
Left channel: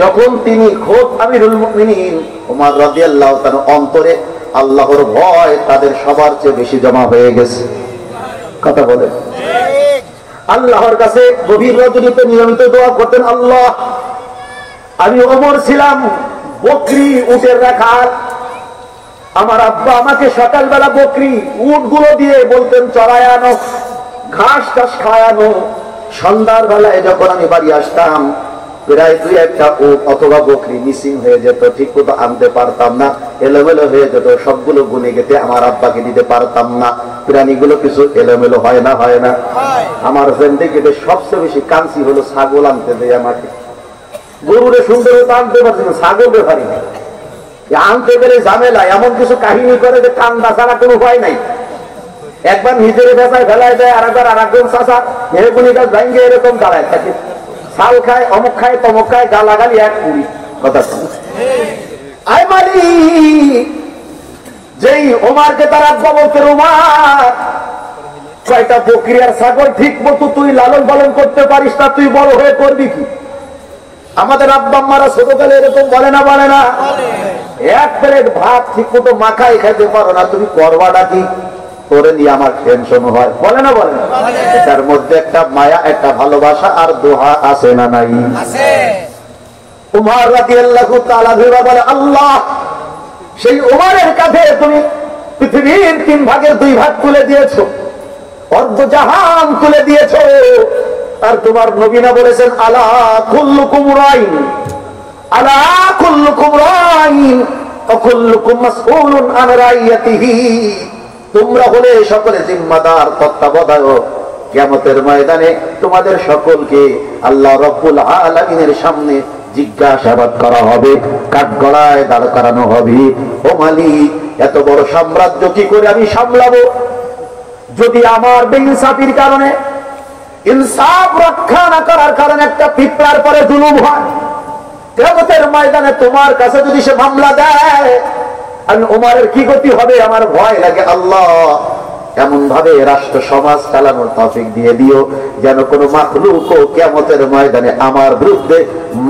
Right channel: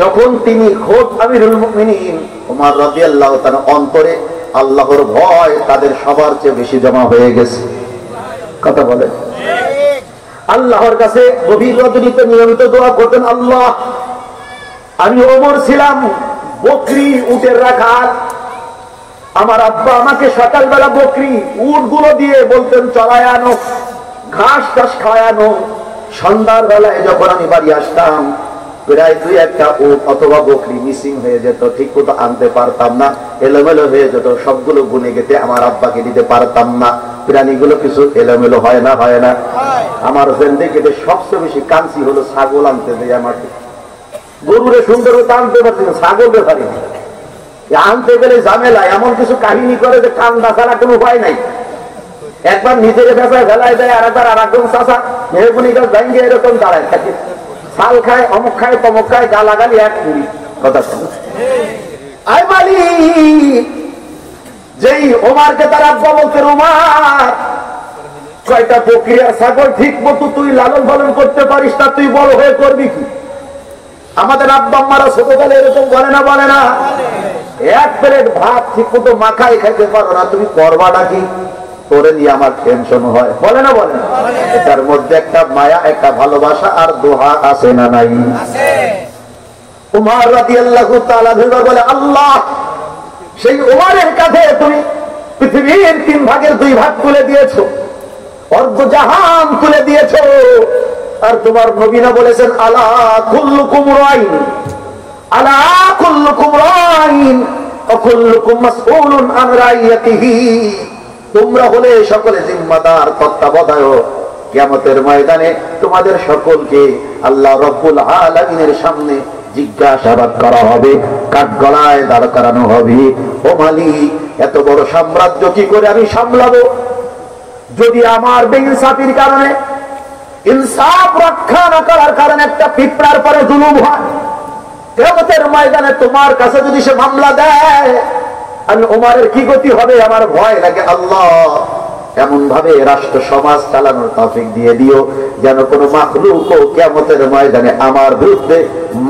যখন তিনি খোদ আমিরুল মুমিনিন ওমর রাদিয়াল্লাহু তাআলা অন্তরে আল্লাহর ভয় তাদের সবার চেয়ে বেশি জমা হয়ে গেছে। কথা বলে আল্লাহর কাছে গভীর রজনীতে নিয়মিত দোয়া করতেন, আল্লাহ আমি ওমর ছিলাম বকরি উটের রাখাল, আমার আব্বা আমাকে সকালবেলা বকরি উটগুলো দিয়ে বলতেন চড়ায় আনো, ঘাস টাস খায়ানো। সন্ধ্যার বেলায় যখন আমি বাড়ি আসতাম প্রায় 2-1টা উট অথবা বকরি মিসিং হয়ে যেত, ঠিক মতো আনতে পারতাম না, এলোমেলো হয়ে যেত, সবগুলো গুনে গেতে আমার আব্বাকে দিতে পারতাম না। প্রাণীগুলো কিছু এলোমেলো হয় না, হয় না? আমার জিন্দেগিতে সবচেয়ে বেশি কাঞ্চি হলো ছাগল আনতে দেয় আমাকে। গরুরে সুন্দর হতে আনতে পারছি না, ছাগল ব্যাপারে আনতে গেলে ঝামেলা, এমন কিছু কাহিনী করে যে কান্দা ছাড়া কোনো উপায় নাই। একবার নিজের ভেসায় ফেলায় দেয়, আর একজন চাষা মেহগুনি গাছ ভাঙ্গে এরকম দাঁড়ায় থাকে, শাল খায়, অমুক খায়, তমুক খায়, গালাগালি এক পুরি। কথা আই মালিক, যেই ওমারকে তার আব্বা বলতে, ওমার কয়টা বকরি আর ছাগল ঠিক মতো তুই লালন পালন করতে পারিস না, তুই বড় হয়ে করবি কি? আমাদের আব্বা আম্মারা ছোটকালে এরকম বলে না, বলে না? এক প্লেট ভাত ঠিক মতো মাখাই খেতে পারো না, তুমি করবাটা কি? করে নিয়ে আমার টেনশন হয়, বলে না, বলে না? এটার মধ্যে একটা মায়া, একটা ভালোবাসা আর দোহা আছে না নাই? উমর রাদিয়াল্লাহু তাআলা বলে, আল্লাহ সেই উমরের কাছে তুমি পৃথিবীর 3 ভাগের 2 ভাগ তুলে দিয়েছো, অর্ধ জাহান তুলে দিয়েছো, আর তোমার নবীনা বলেছেন আলা কুল্লুকুম রাইন, আলা কুল্লুকুম রাইন ওয়া কুল্লুকুম মাসউলুন আন রাইয়াতিহি, তোমরা হলে সকলে জিম্মাদার, তত্ত্বাবধায়ক। কিয়ামতের ময়দানে তোমাদের সকলকে আল্লাহ রাব্বুল আলামিনের সামনে জিজ্ঞাসাবাদ করা হবে, কাঠগড়ায় দাঁড় করানো হবে। ও মালিক, এত বড় সাম্রাজ্য কি করে আমি সামলাবো? যদি আমার বেইনসাফির কারণে, ইনসাফ রক্ষা না করার কারণে একটা পিঁপড়ার পরে জুলুম হয়, কিয়ামতের ময়দানে তোমার কাছে যদি সে মামলা দেয়, আমি ওমরের কি গতি হবে? আমার ভয় লাগে। আল্লাহ এমন ভাবে রাষ্ট্র সমাজ চালানোর তৌফিক দিয়ে দিও যেন কোনো মাখলুকও কিয়ামতের ময়দানে আমার বিরুদ্ধে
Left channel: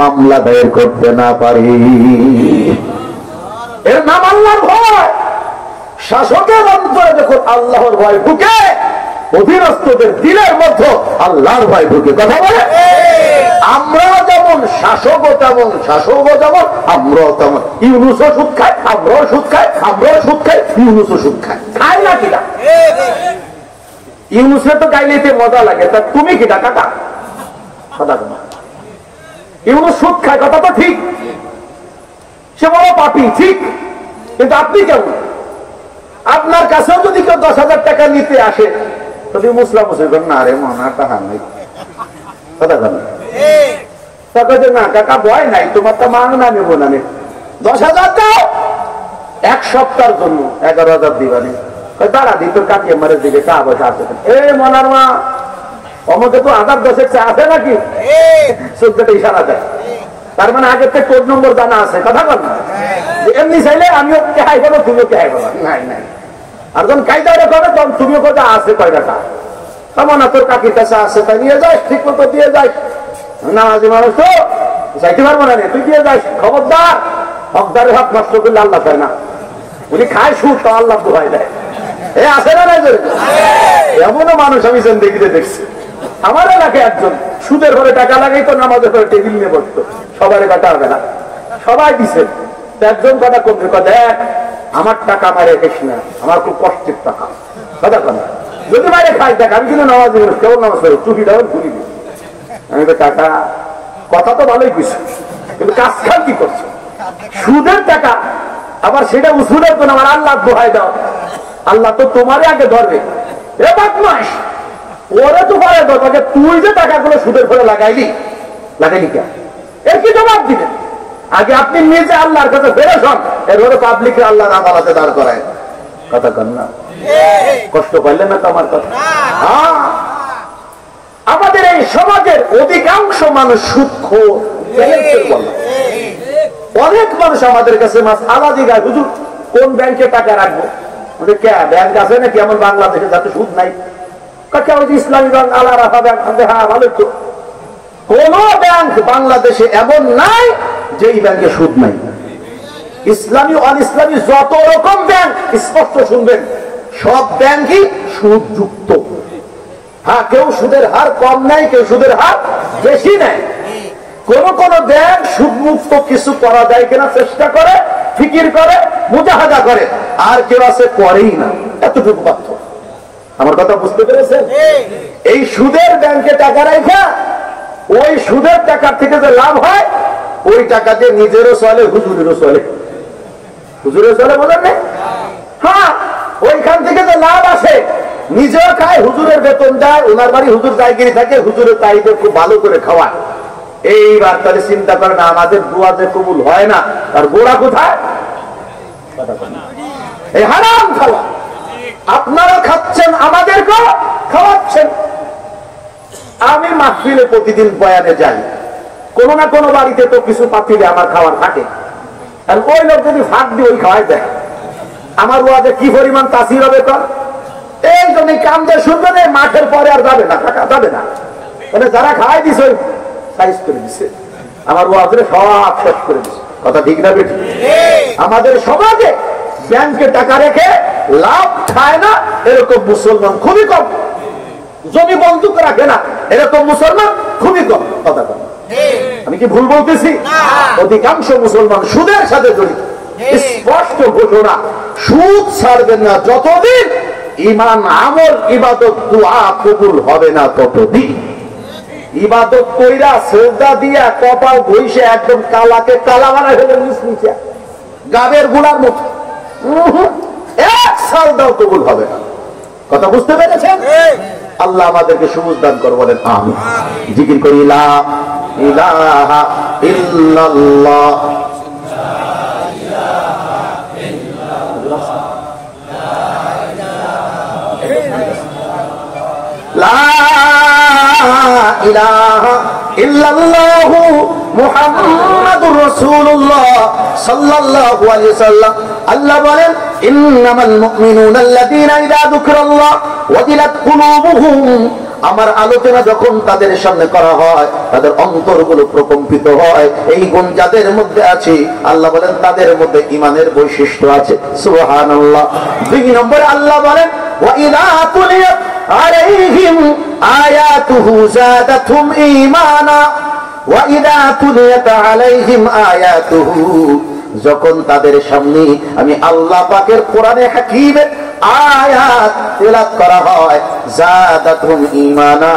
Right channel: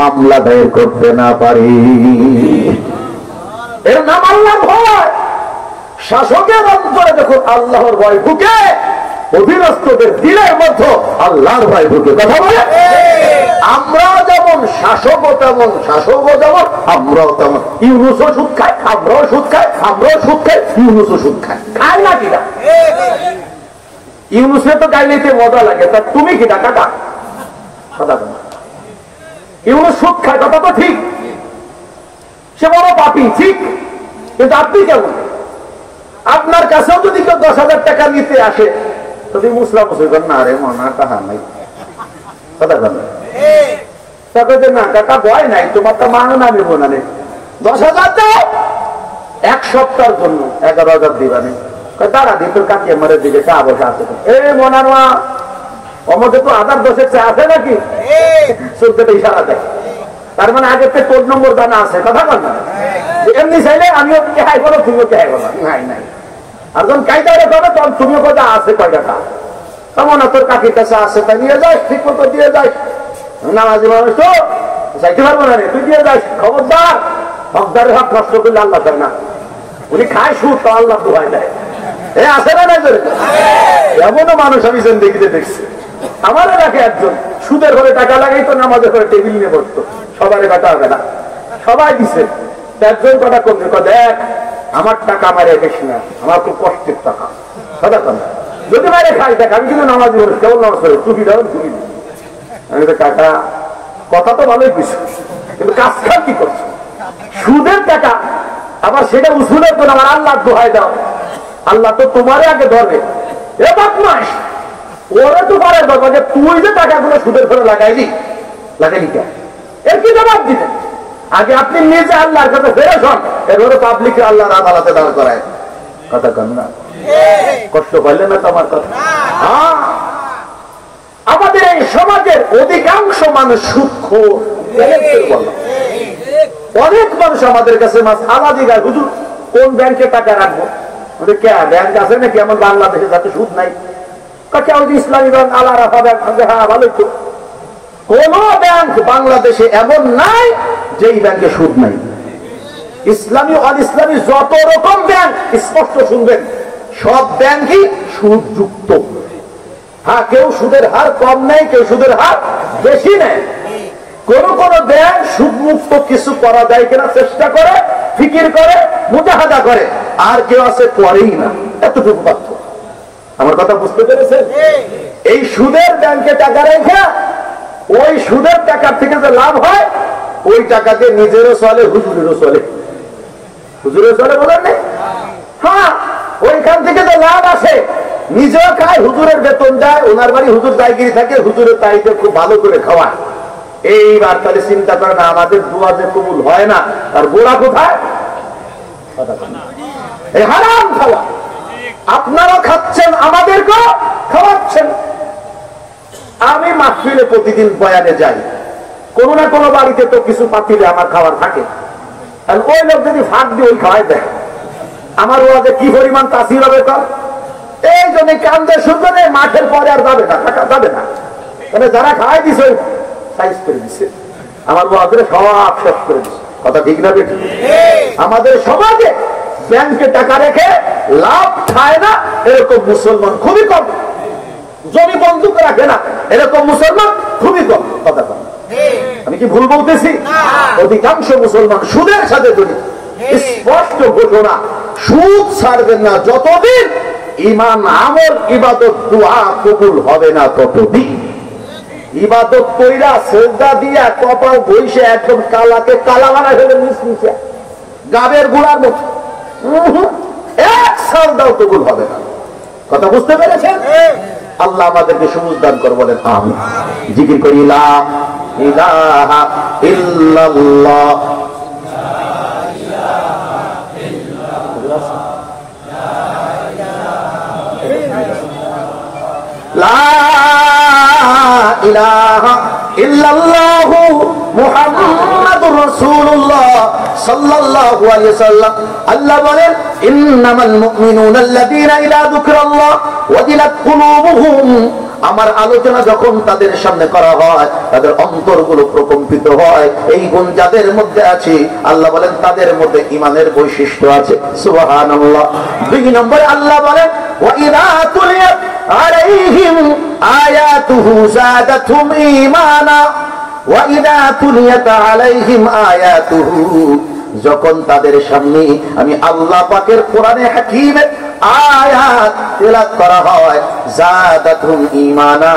মামলা দায়ের করতে না পারে। এর নাম আল্লাহর ভয়। শাসকের অন্তরে যখন আল্লাহর ভয় ঢুকে, অধীনস্থদের দিলের মধ্যে আল্লাহর ভয় ঢুকে। কথা বলে আমরা যেমন শাসকও তেমন, শাসকও যেমন আমরাও তেমন। ইউনুসও সুদ খায়, আমরাও সুদ খাই, আমরাও সুদ খাই, ইউনুসও সুদ খায়। খায় না কিনা? ইউনুসে তো গাইলেতে মজা লাগে, তা তুমি কিনা কাকা? কথা বল, ইউনুস সুদ খায়, কথা তো ঠিক, সে বড় পাপী, ঠিক, কিন্তু আপনি কেমন? আপনার কাছেও যদি কেউ 10,000 টাকা নিতে আসে, তুমি মুসলা মুসলি কর না, রে মনা তাহা নাই, কথা বল না কাকা, ভয় নাই, তোমার তো মানো না, নেবো না, 10,000 দাও, 1 সপ্তাহের জন্য 11,000 দিবানি। দাঁড়া দি, তোর কাকিয়ে মারে দিকে চা বসে আছে। এ মনার মা, আমাকে তো 1010 চা আছে নাকি? চোদ্দটা ইশারা দেয়, তার মানে আগের থেকে কোড নম্বর জানা আছে। কথা বল না, এমনি চাইলে আমিও কেহাই বলো, তুমিও কেহাই বলো, নাই নাই। আর যখন কাইটা করে তখন তুমিও কথা আছে কয়টা টা, তেমন তোর কাকির কাছে আছে, তাই নিয়ে যাস, ঠিক মতো দিয়ে যাস। নামাজি মানুষ তো চাইতে পারবো না, তুই দিয়ে যাস। খবরদার, হকদারের হক নষ্ট করলে আল্লাহ পায় না। উনি খায় সুদ, তো আল্লাহ দোহাই দেয়। এ আছে না, নাই? এমনও মানুষ আমি জিন্দেগিতে দেখছি। আমার এলাকায় একজন সুদের ঘরে টাকা লাগাই তো, নামাজের ঘরে টেবিল নিয়ে বসতো, সবার কাটা হবে না, সবাই দিছে। একজন কটা করবে, দেখ আমার টাকা মারে রেখেস না, আমার খুব কষ্টের টাকা। কথা কন, যদি মারে খাই দেখ, আমি কিন্তু নামাজ কেমন নামাজ পড়ি, চুপিটা খুলি দিই। আমি তো টাকা, কথা তো ভালোই খুশি, কিন্তু কাজ খাল কি করছো? সুদের টাকা, আবার সেটা উসুলের জন্য আমার আল্লাহ দোহাই দাও। আল্লাহ তো তোমারে আগে ধরবে। এ বদমাশ, ওরে তো পারে ধরবে যে তুই যে টাকাগুলো সুদের ঘরে লাগাইলি, লাগাইলি কেন? এর কি জবাব দিবেন? আগে আপনি নিজে আল্লাহর কাছে ফেরত হন, এরপরে পাবলিককে আল্লাহর আদালতে দাঁড় করায়। কথা কন না, কষ্ট পাইলে না তো আমার কথা। হ্যাঁ, আমাদের এই সমাজের অধিকাংশ মানুষ সুদখোর। অনেক মানুষ আমাদের কাছে আলাদা গায়, হুজুর কোন ব্যাংকে টাকা রাখবো? ব্যাংক আছে নাকি এমন বাংলাদেশে যাতে সুদ নাই? ইসলামী ব্যাংক, আল্লাহ রাখা ব্যাংক। হ্যাঁ, ভালো তো। কোন ব্যাংক বাংলাদেশে এমন নাই যেই ব্যাংকে সুদ নাই। ইসলামী অন ইসলামী যত রকম ব্যাংক স্পষ্ট শুনবেন, সব ব্যাংকই সুদযুক্ত। হ্যাঁ, কেউ সুদের হার কম নেয়, কেউ সুদের হার বেশি নেয়। কোন কোন ব্যাংক সুদমুক্ত কিছু করা যায় কিনা চেষ্টা করে, ফিকির করে, মুজাহাদা করে, আর কেউ আছে করেই না। এতটুকু পার্থক্য। আমার কথা বুঝতে পেরেছেন? এই সুদের ব্যাংকে টাকা রেখে ওই সুদের টাকার থেকে যে লাভ হয়, ওই টাকা দিয়ে নিজেরও চলে, হুজুরেরও চলে। হুজুরের চলে বলেন না? হ্যাঁ, ওইখান থেকে যে লাভ আসে নিজেও খায়, হুজুরের বেতন দেয়, ওনার বাড়ি হুজুর জায়গিরি থাকে, হুজুরের তারিখে খুব ভালো করে খাওয়ায়। এইবার তাহলে চিন্তা করে না, আমাদের দোয়া যে কবুল হয় না, তার গোড়া কোথায়? এই হারাম খাওয়া। আপনারা খাচ্ছেন, আমাদেরকেও খাওয়াচ্ছেন। আমি মাহফিলে প্রতিদিন বয়ানে যাই, কোনো না কোনো বাড়িতে তো কিছু পাতিলে আমার খাবার থাকে। আর ওই লোক যদি ভাগ দিয়ে ওই খাওয়াই দেয়, আমার ওয়াজে কি পরিমাণ তাসির হবে কর। এই জন্য কান্দে শুনবে না, মাঠের পরে আর যাবে না, টাকা যাবে না। মানে যারা খাওয়াই দিছে সাইজ করে দিছে, আমার ওয়াজে সব শেষ করে দিছে। কথা ঠিক না বেঠিক? আমাদের সমাজে ব্যাংকে টাকা রেখে লাভ খায় না এরকম মুসলমান খুবই কম। জমি বন্ধুক রাখে না এরকম মুসলমান খুবই কম। কথা কম, আমি কি ভুল বলতেছি? অধিকাংশ মুসলমান সুদের সাথে জড়িত। স্পষ্ট ঘোষণা, সুদ ছাড়বেন না যতদিন ঈমান, আমল, ইবাদত, দুআ কবুল হবে না ততদিন। ইবাদত কইরা সেজদা দিয়া কপাল বইসে একদম কালাকে কালা বানা ফেলে নিচে গাবের গুলার মতো এক সাজদাও কবুল হবে না। কথা বুঝতে পেরেছেন? আল্লাহ আমাদেরকে সবুজ দান করে, বলেন আমিন। জিকির করি লা ইলাহা ইল্লাল্লাহ। লা ইলাহা ইল্লাল্লাহু মুহাম্মাদুর রাসূলুল্লাহ সাল্লাল্লাহু আলাইহি ওয়াসাল্লাম। আল্লাহ বলেন, ইন্নামাল মুমিনুনা আল্লাযীনা ইযা যুকিরাল্লাহ ওয়াজিলাত কুলুবুহুম। আমার আলোচনা যখন তাদের সামনে করা হয়, তাদের অন্তরগুলো প্রকম্পিত হয়। এই গুণ যাদের মধ্যে আছে, আল্লাহ বলেন তাদের মধ্যে ঈমানের বৈশিষ্ট্য আছে। সুবহানাল্লাহ। 2 নম্বরে আল্লাহ বলেন, ওয়া ইযা তুলিয়াত আলাইহিম আয়াতুহু যাদাতহুম ঈমানা ওয়া ইযা তুলিয়াত আলাইহিম আয়াতুহু। যখন তাদের সামনে আমি আল্লাহ পাকের কোরআনে হাকীমের আয়াত তেলাওয়াত করা হয়, যাদাতহুম ঈমানা,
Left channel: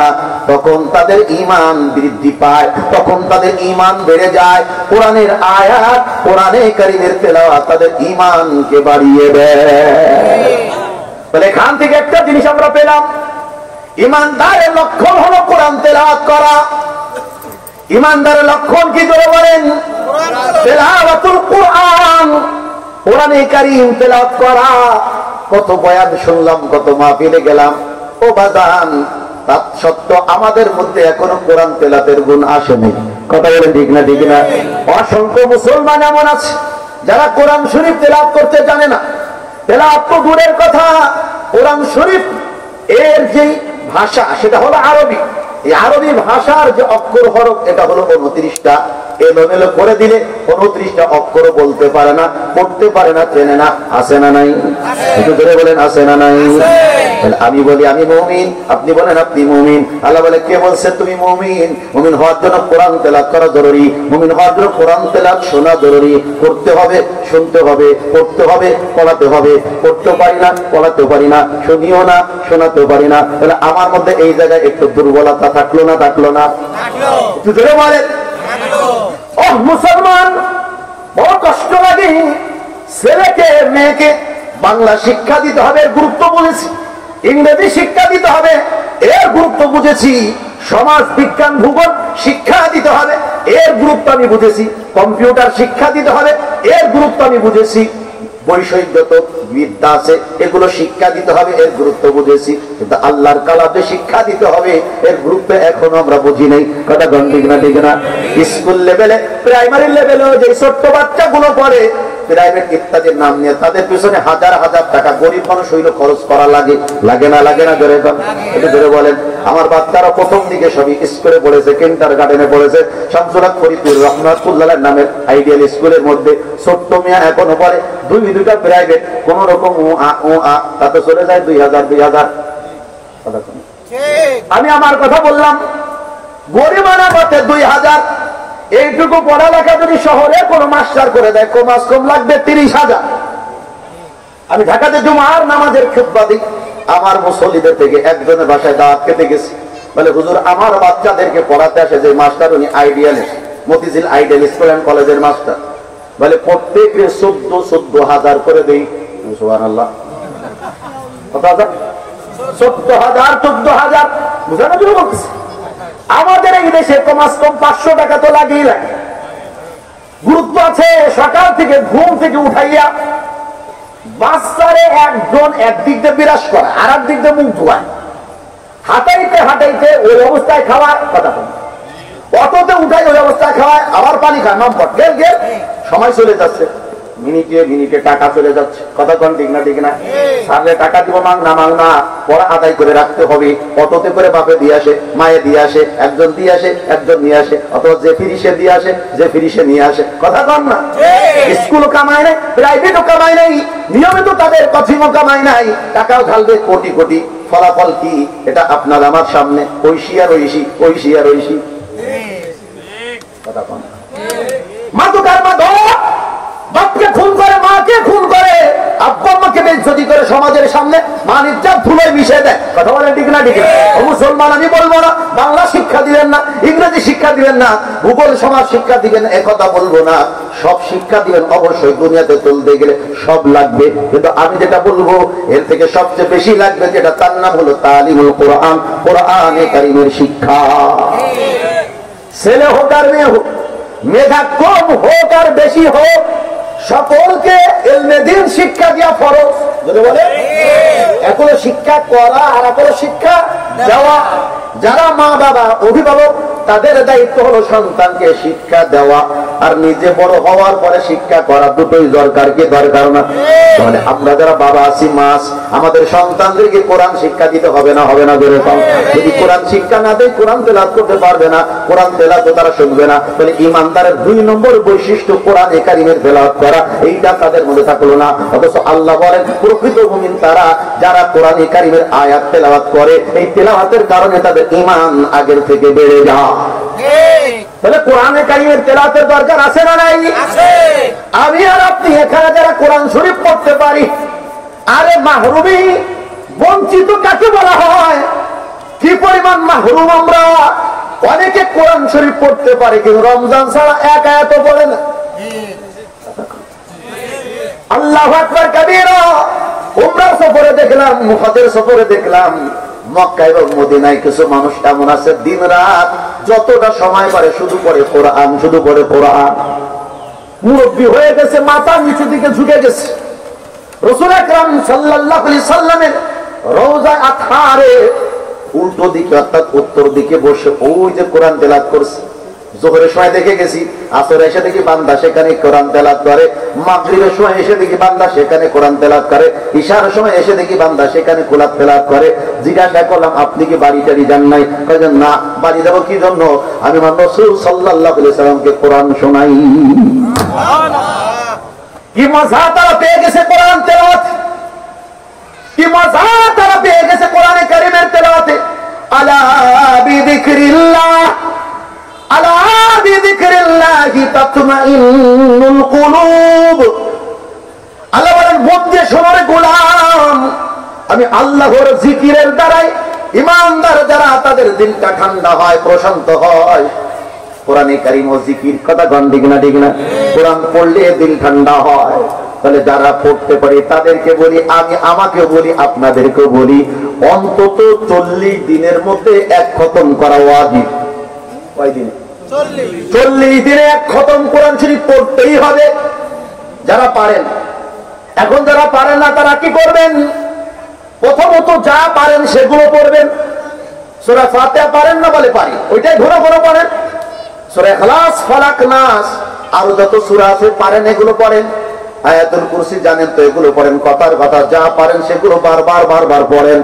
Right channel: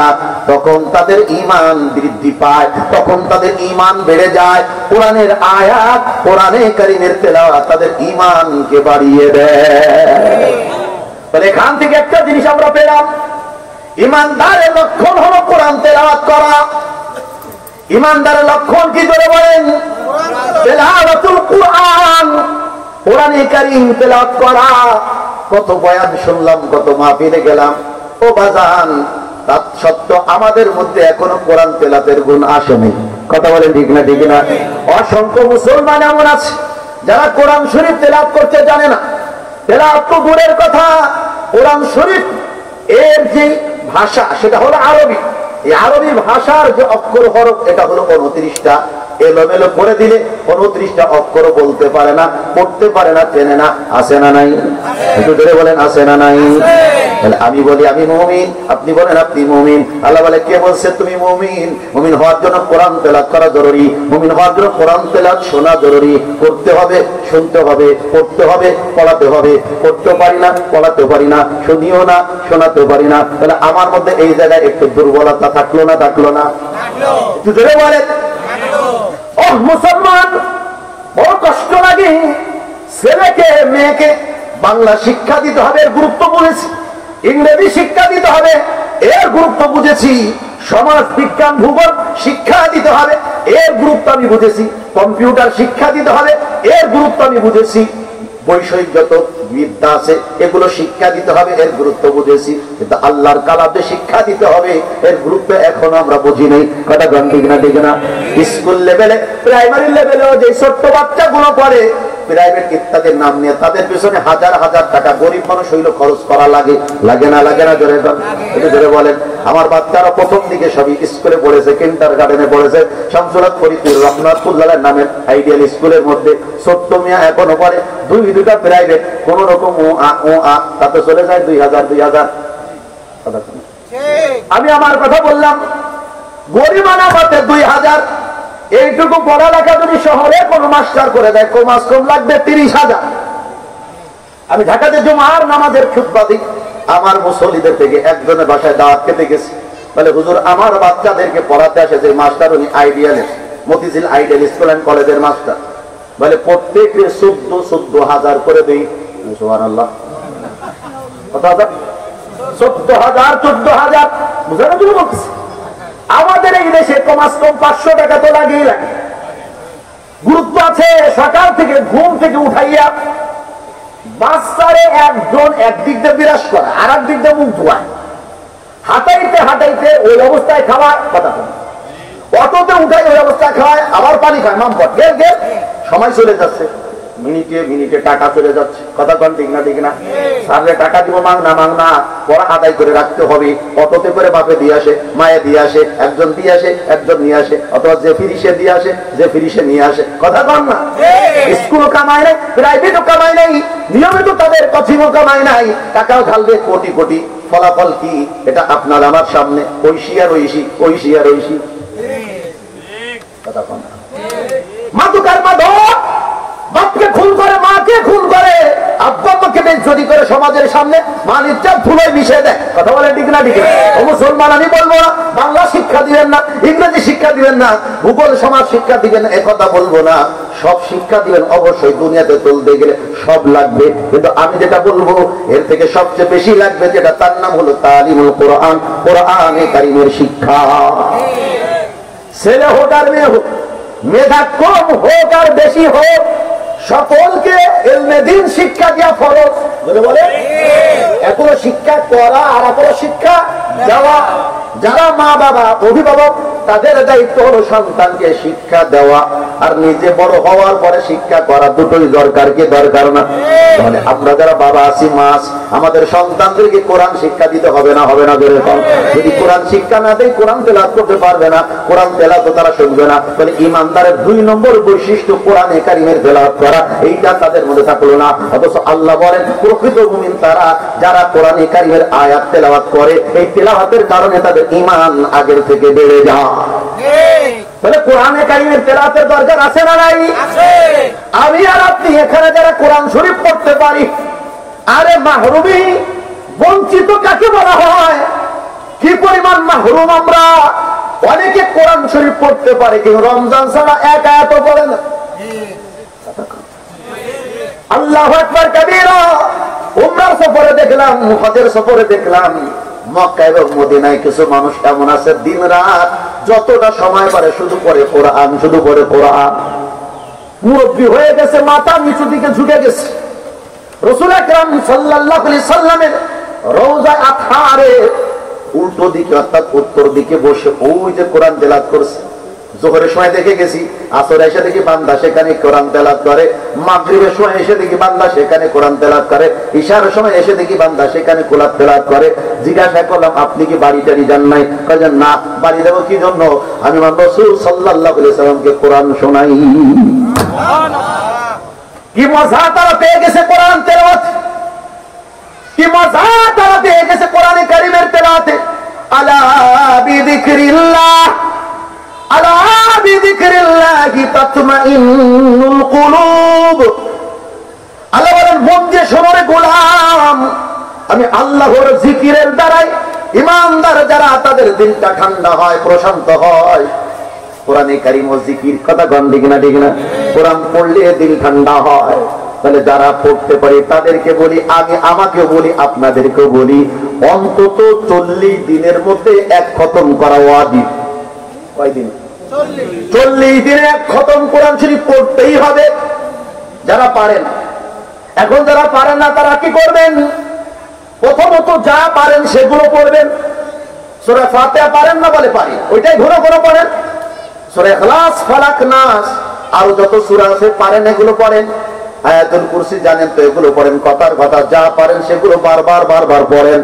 তখন তাদের ঈমান বৃদ্ধি পায়, তখন তাদের ঈমান বেড়ে যায়। কোরআনের আয়াত, কোরআনে কারীমের তেলাওয়াত তাদের ঈমানকে বাড়িয়ে দেয়। তাহলে এখান থেকে একটা জিনিস আমরা পেলাম, ঈমানদারের লক্ষণ হলো কোরআন তেলাওয়াত করা। ঈমানদারের লক্ষণ কি করে বলেন? তেলাওয়াতুল কোরআন, কোরআনে কারীম তেলাওয়াত করা। কত বয়ান শুনলাম, কত মাহফিলে গেলাম, ও বাজান, তৎসত্ত্বেও আমাদের মধ্যে এখনো কোরআন তেলাওয়াতের গুণ আসেনি। কথা বলেন ঠিক না? ঠিক না? অসংখ্য মুসলমান এমন আছে যারা কোরআন শরীফ তেলাওয়াত করতে জানে না। তেলাওয়াত তো দূরের কথা, কোরআন শরীফ এর যে ভাষা সেটা হলো আরবি। এই আরবি ভাষার যে অক্ষর হরফ, এটা হলো 29টা। এলোমেলো করে দিলে 29টা অক্ষর বলতে পারে না, পড়তে পারে না, চেনে না। আছে না নাই? একটু ধরে বলেন, আছে না নাই? আমি বলি আমি মুমিন, আপনি বলেন আপনি মুমিন। আল্লাহ বলে, কে বলছে তুমি মুমিন? মুমিন হওয়ার জন্য কোরআন তেলাওয়াত করা জরুরি। মুমিন হওয়ার জন্য কোরআন তেলাওয়াত শোনা জরুরি। করতে হবে, শুনতে হবে, পড়তে হবে, পড়াতে হবে। পড়তে পারি না, পড়াতে পারি না, শুনিও না, শোনাতে পারি না। তাহলে আমার মধ্যে এই জায়গায় একটু দুর্বলতা থাকলো না? থাকলো না? একটু জোরে বলেন। ও মুসলমান, বড় কষ্ট লাগে। ছেলেকে মেয়েকে বাংলা শিক্ষা দিতে হবে, এর গুরুত্ব বুঝেছি। ইংরেজি শিক্ষা দিতে হবে, এর গুরুত্ব বুঝেছি। সমাজ বিজ্ঞান ভূগোল শিক্ষা দিতে হবে, এর গুরুত্ব আমি বুঝেছি। কম্পিউটার শিক্ষা দিতে হবে, এর গুরুত্ব আমি বুঝেছি। বৈষয়িক যত বিদ্যা আছে এগুলো শিক্ষা দিতে হবে, এর গুরুত্ব বুঝেছি। কিন্তু আল্লাহর কালামে শিক্ষা দিতে হবে, এর গুরুত্ব এখনো আমরা বুঝি নাই। কথা ঠিক না? ঠিক না? স্কুল লেভেলে, প্রাইমারি লেভেলেও যে ছোট্ট বাচ্চাগুলো পড়ে, প্রাইভেট ইত্যাদির নাম নিয়ে তাদের পিছনে হাজার হাজার টাকা গরিব মানুষ হইল খরচ করা লাগে। লাগে না? লাগে না? জোরে একটু জোরে বলেন। আমার বাচ্চারা প্রথম দিকে সবই স্কুলে পড়েছে, কিন্ডার গার্ডেনে পড়েছে, শামসুলাত ফরিদপুর রহমাতুল্লাহ নামের আইডিয়াল স্কুলের মধ্যে। ছোট্ট মিয়া এখনো পড়ে, দুইটা প্রাইভেট, কোন রকম তাতে চলে যায় 2000। আমি আমার কথা বললাম, গরিবানা মতে 2000। এইটুকু পড়ালেখা যদি শহরে কোন মাস্টার করে দেয়, কমাস কম লাগবে 30,000। আমি ঢাকাতে জুমার নামাজের খুতবা দিই, আমার মুসল্লিদের থেকে একজনের বাসায় দাওয়াত খেতে গেছি, বলে হুজুর আমার বাচ্চাদেরকে পড়াতে আসে যে মাস্টার, উনি ideal Motijheel ideal school and কলেজের মাস্টার, বলে প্রত্যেকে 14,000 করে দিই। সুবহানাল্লাহ, কত হাজার? 14,000, 14,000। বুঝলেন না? তুমি বলতেছি আমাদের এই দেশে কমাস কম 500 টাকা তো লাগেই লাগে। গুরুত্ব আছে। সকাল থেকে ঘুম থেকে উঠাইয়া বাচ্চারে একজন একদিক দিয়ে বিরাজ করা, আর একদিক দিয়ে মুখ ধোয়ায়, হাঁটাইতে হাঁটাইতে ওই অবস্থায় খাওয়ায়, কথা বলে অটোতে উঠাই ওই অবস্থায় খাওয়ায়, আবার পানি খায়, মামপট গেল গেল, সময় চলে যাচ্ছে, মিনিটে মিনিটে টাকা চলে যাচ্ছে। কথা কন ঠিক না? ঠিক না? সারলে টাকা দিব, মাং না, পড়া আদায় করে রাখতে হবে। অটোতে করে বাপে দিয়ে আসে, মায়ে দিয়ে আসে, একজন দিয়ে আসে, একজন নিয়ে আসে, অথবা যে ফিরিসে দিয়ে আসে, যে ফিরিসে নিয়ে আসে। কথা কন না? স্কুলও কামায় নাই, প্রাইভেটও কামায় নাই, নিয়মিত তাদের কঠিনও কামায় নাই, টাকাও ঢালবে কোটি কোটি। ফলাফল কি? এটা আপনার আমার সামনে, ঐশী আর ঐশী, ঐশী আর ঐশী। কথা কন। মাদুকার মাদক বাপকে খুন করে, মাকে খুন করে, আব্বা আম্মাকে বেইজ্জতি করে সমাজের সামনে, মান ইজ্জত ধুলোয় মিশিয়ে দেয়। কথা বলে ঠিক না? ঠিক না? ও মুসলমান, আমি বলবো না বাংলা শিক্ষা দিবেন না, ইংরেজি শিক্ষা দিবেন না, ভূগোল সমাজ শিক্ষা দিবেন, একথা বলবো না। সব শিক্ষা দিবেন অবশ্যই, দুনিয়াতে চলতে গেলে সব লাগবে। কিন্তু আমি যেটা বলবো, এর থেকে সবচেয়ে বেশি লাগবে যেটা, তার নাম হলো তালিমুল কোরআন, কোরআনে কারীমের শিক্ষা। ছেলে হোক আর মেয়ে হোক, মেধা কম হোক আর বেশি হোক, সকলকে ইলমে দ্বীন শিক্ষা দেওয়া ফরজ। যদি বলে এখনো শিক্ষা করা আর এখনো শিক্ষা দেওয়া। যারা মা বাবা অভিভাবক, তাদের দায়িত্ব হলো সন্তানকে শিক্ষা দেওয়া, আর নিজে বড় হওয়ার পরে শিক্ষা করা। দুটোই দরকার, কি দরকার না? তাহলে আমরা যারা বাবা আছি, মাস, আমাদের সন্তানদেরকে কোরআন শিক্ষা দিতে হবে না? হবে না? ধরে কম। যদি কোরআন শিক্ষা না দেয়, কোরআন তেলাওয়াত করতে পারবে না, কোরআন তেলাওয়াত তারা শুনবে না। তাহলে ইমানদারের 2 নম্বর বৈশিষ্ট্য কোরআনে কারীমের তেলাওয়াত করা, এইটা তাদের মধ্যে থাকলো না। অথচ আল্লাহ বলেন প্রকৃত মুমিন তারা যারা কোরআনে কারীমের আয়াত তেলাওয়াত করে, এই তেলাওয়াতের কারণে তাদের ঈমান আগের থেকে বেড়ে যায়। তাহলে কোরআনে কারীমের তেলাওয়াতের দরকার আছে না নাই? আমি আর আপনি এখানে যারা কোরআন শরীফ পড়তে পারি, আরে মাহরুমি, বঞ্চিত কাকে বলা হয়? কি পরিমাণ মাহরুম আমরা! অনেকে কোরআন শরীফ পড়তে পারে, কিন্তু রমজান ছাড়া এক আয়াতও পড়ে না। আল্লাহু আকবার কাবীরা। উমরার সফরে দেখলাম, হজের সফরে দেখলাম, মক্কা এবং মদিনায় কিছু মানুষ এমন আছে, দিন রাত যতটা সময় পারে শুধু পড়ে কোরআন, শুধু পড়ে কোরআন। মুরব্বী হয়ে গেছে, মাথা নিচু দিকে ঝুঁকে গেছে। রাসূল আকরাম সাল্লাল্লাহু আলাইহি সাল্লামের রওজা আতহারে উল্টো দিকে, অর্থাৎ উত্তর দিকে বসে ওই যে কোরআন তেলাওয়াত করছে। জোহরের সময় দেখে গেছি, আসরে এসে দেখি বান্দা সেখানে কোরআন তেলাওয়াত করে, মাগরিবের সময় এসে দেখি বান্দা সেখানে কোরআন তেলাওয়াত করে, ইশার সময় এসে দেখি বান্দা সেখানে কোরআন তেলাওয়াত করে। জিজ্ঞাসা করলাম, আপনি কি বাড়ি টাড়ি যান নাই? কয়েছেন না। বাড়ি যাবো কি জন্য? আমি আমার রাসূল সাল্লাল্লাহু আলাইহি সাল্লামকে কোরআন শোনাই। কি মজা তারা পেয়ে গেছে কোরআন তেলাওয়াত, কি মজা তারা পেয়ে গেছে কোরআনে কারীমের তেলাওয়াতে। আলা বিযিকরিল্লাহ, আলা বিযিকরিল্লাহি তাতমাইন্নুল কুলুব। আল্লাহ বলেন, বন্দে শোনার গোলাম, আমি আল্লাহর জিকিরের দ্বারাই ঈমানদার যারা, তাদের দিলটা ঠান্ডা হয়, প্রশান্ত হয়। কোরআনে কারীম ও জিকির, কথা কন ঠিক না? ঠিক না? কোরআন পড়লে দিল ঠান্ডা হয়। তাহলে যারা পড়তে পারে তাদেরকে বলি, আমি আমাকে বলি, আপনাদেরকেও বলি, অন্তত 40 দিনের মধ্যে 1 খতম করা ওয়াজিব। কয়দিন? 40 দিনে 1 খতম কোরআন শরীফ পড়তেই হবে যারা পারেন। এখন যারা পারেন না তারা কি করবেন? প্রথমত যা পারেন সেগুলো পড়বেন। সূরা ফাতিহা পারেন না? বলে পারি, ওইটাই ঘন ঘন পড়েন। সূরা ইখলাস, ফালাক, নাস, আর যত সূরা আছে পারেন এগুলো পড়েন। আয়াতুল কুরসি জানেন তো, এগুলো পড়েন। কথার কথা যা পারেন সেগুলো বারবার বারবার পড়েন।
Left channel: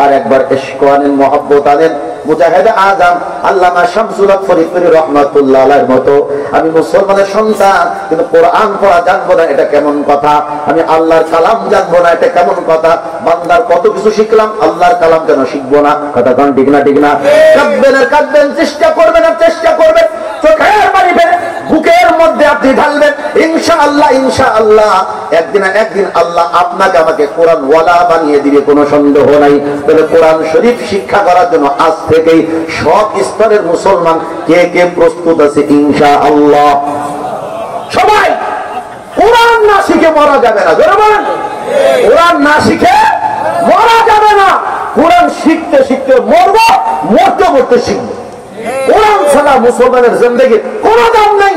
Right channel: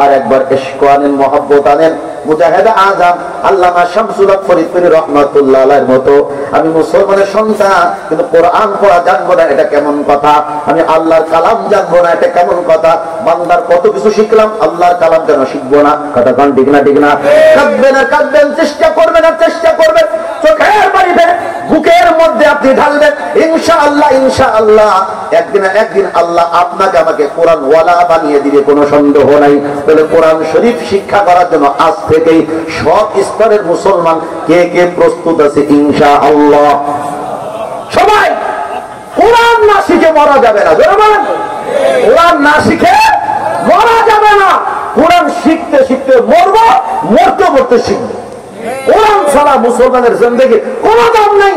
আর একবার ইশকানের মহব্বত আনেন। মুজাহিদ আজম আল্লামা শামসুল হক ফরিদপুরি রহমাতুল্লাহ আলাইহির মতো আমি মুসলমানের সন্তান কিন্তু কোরআন পড়া জানবো না, এটা কেমন কথা? আমি আল্লাহর কালাম জানবো না, এটা কেমন কথা? বান্দার কত কিছু শিখলাম, আল্লাহর কালাম কেন শিখবো না? কথা কোন ঠিক না? ঠিক না? কাঁদবেন আর কাঁদবেন, চেষ্টা করবেন আর চেষ্টা করবেন, চোখের পানি বের বুকের মধ্যে আপনি ঢালবেন, ইনশাআল্লাহ ইনশাআল্লাহ একদিন একদিন আল্লাহ আপনাকে আমাকে কোরআন ওয়ালা বানিয়ে দিবে, কোনো সন্দেহ নাই। তাহলে কোরআন শরীফ শিক্ষা করার জন্য আজ থেকেই সব স্তরের মুসলমান কে কে প্রস্তুত আছে? ইনশাআল্লাহ সবাই। কোরআন না শিখে মরা যাবে না, জোরে বলেন। কোরআন না শিখে মরা যাবে না। কোরআন শিখতে শিখতে মরবো, মরতে মরতে শিখবো। কোরআন ছাড়া মুসলমানের জিন্দেগি কোনো দাম নেই।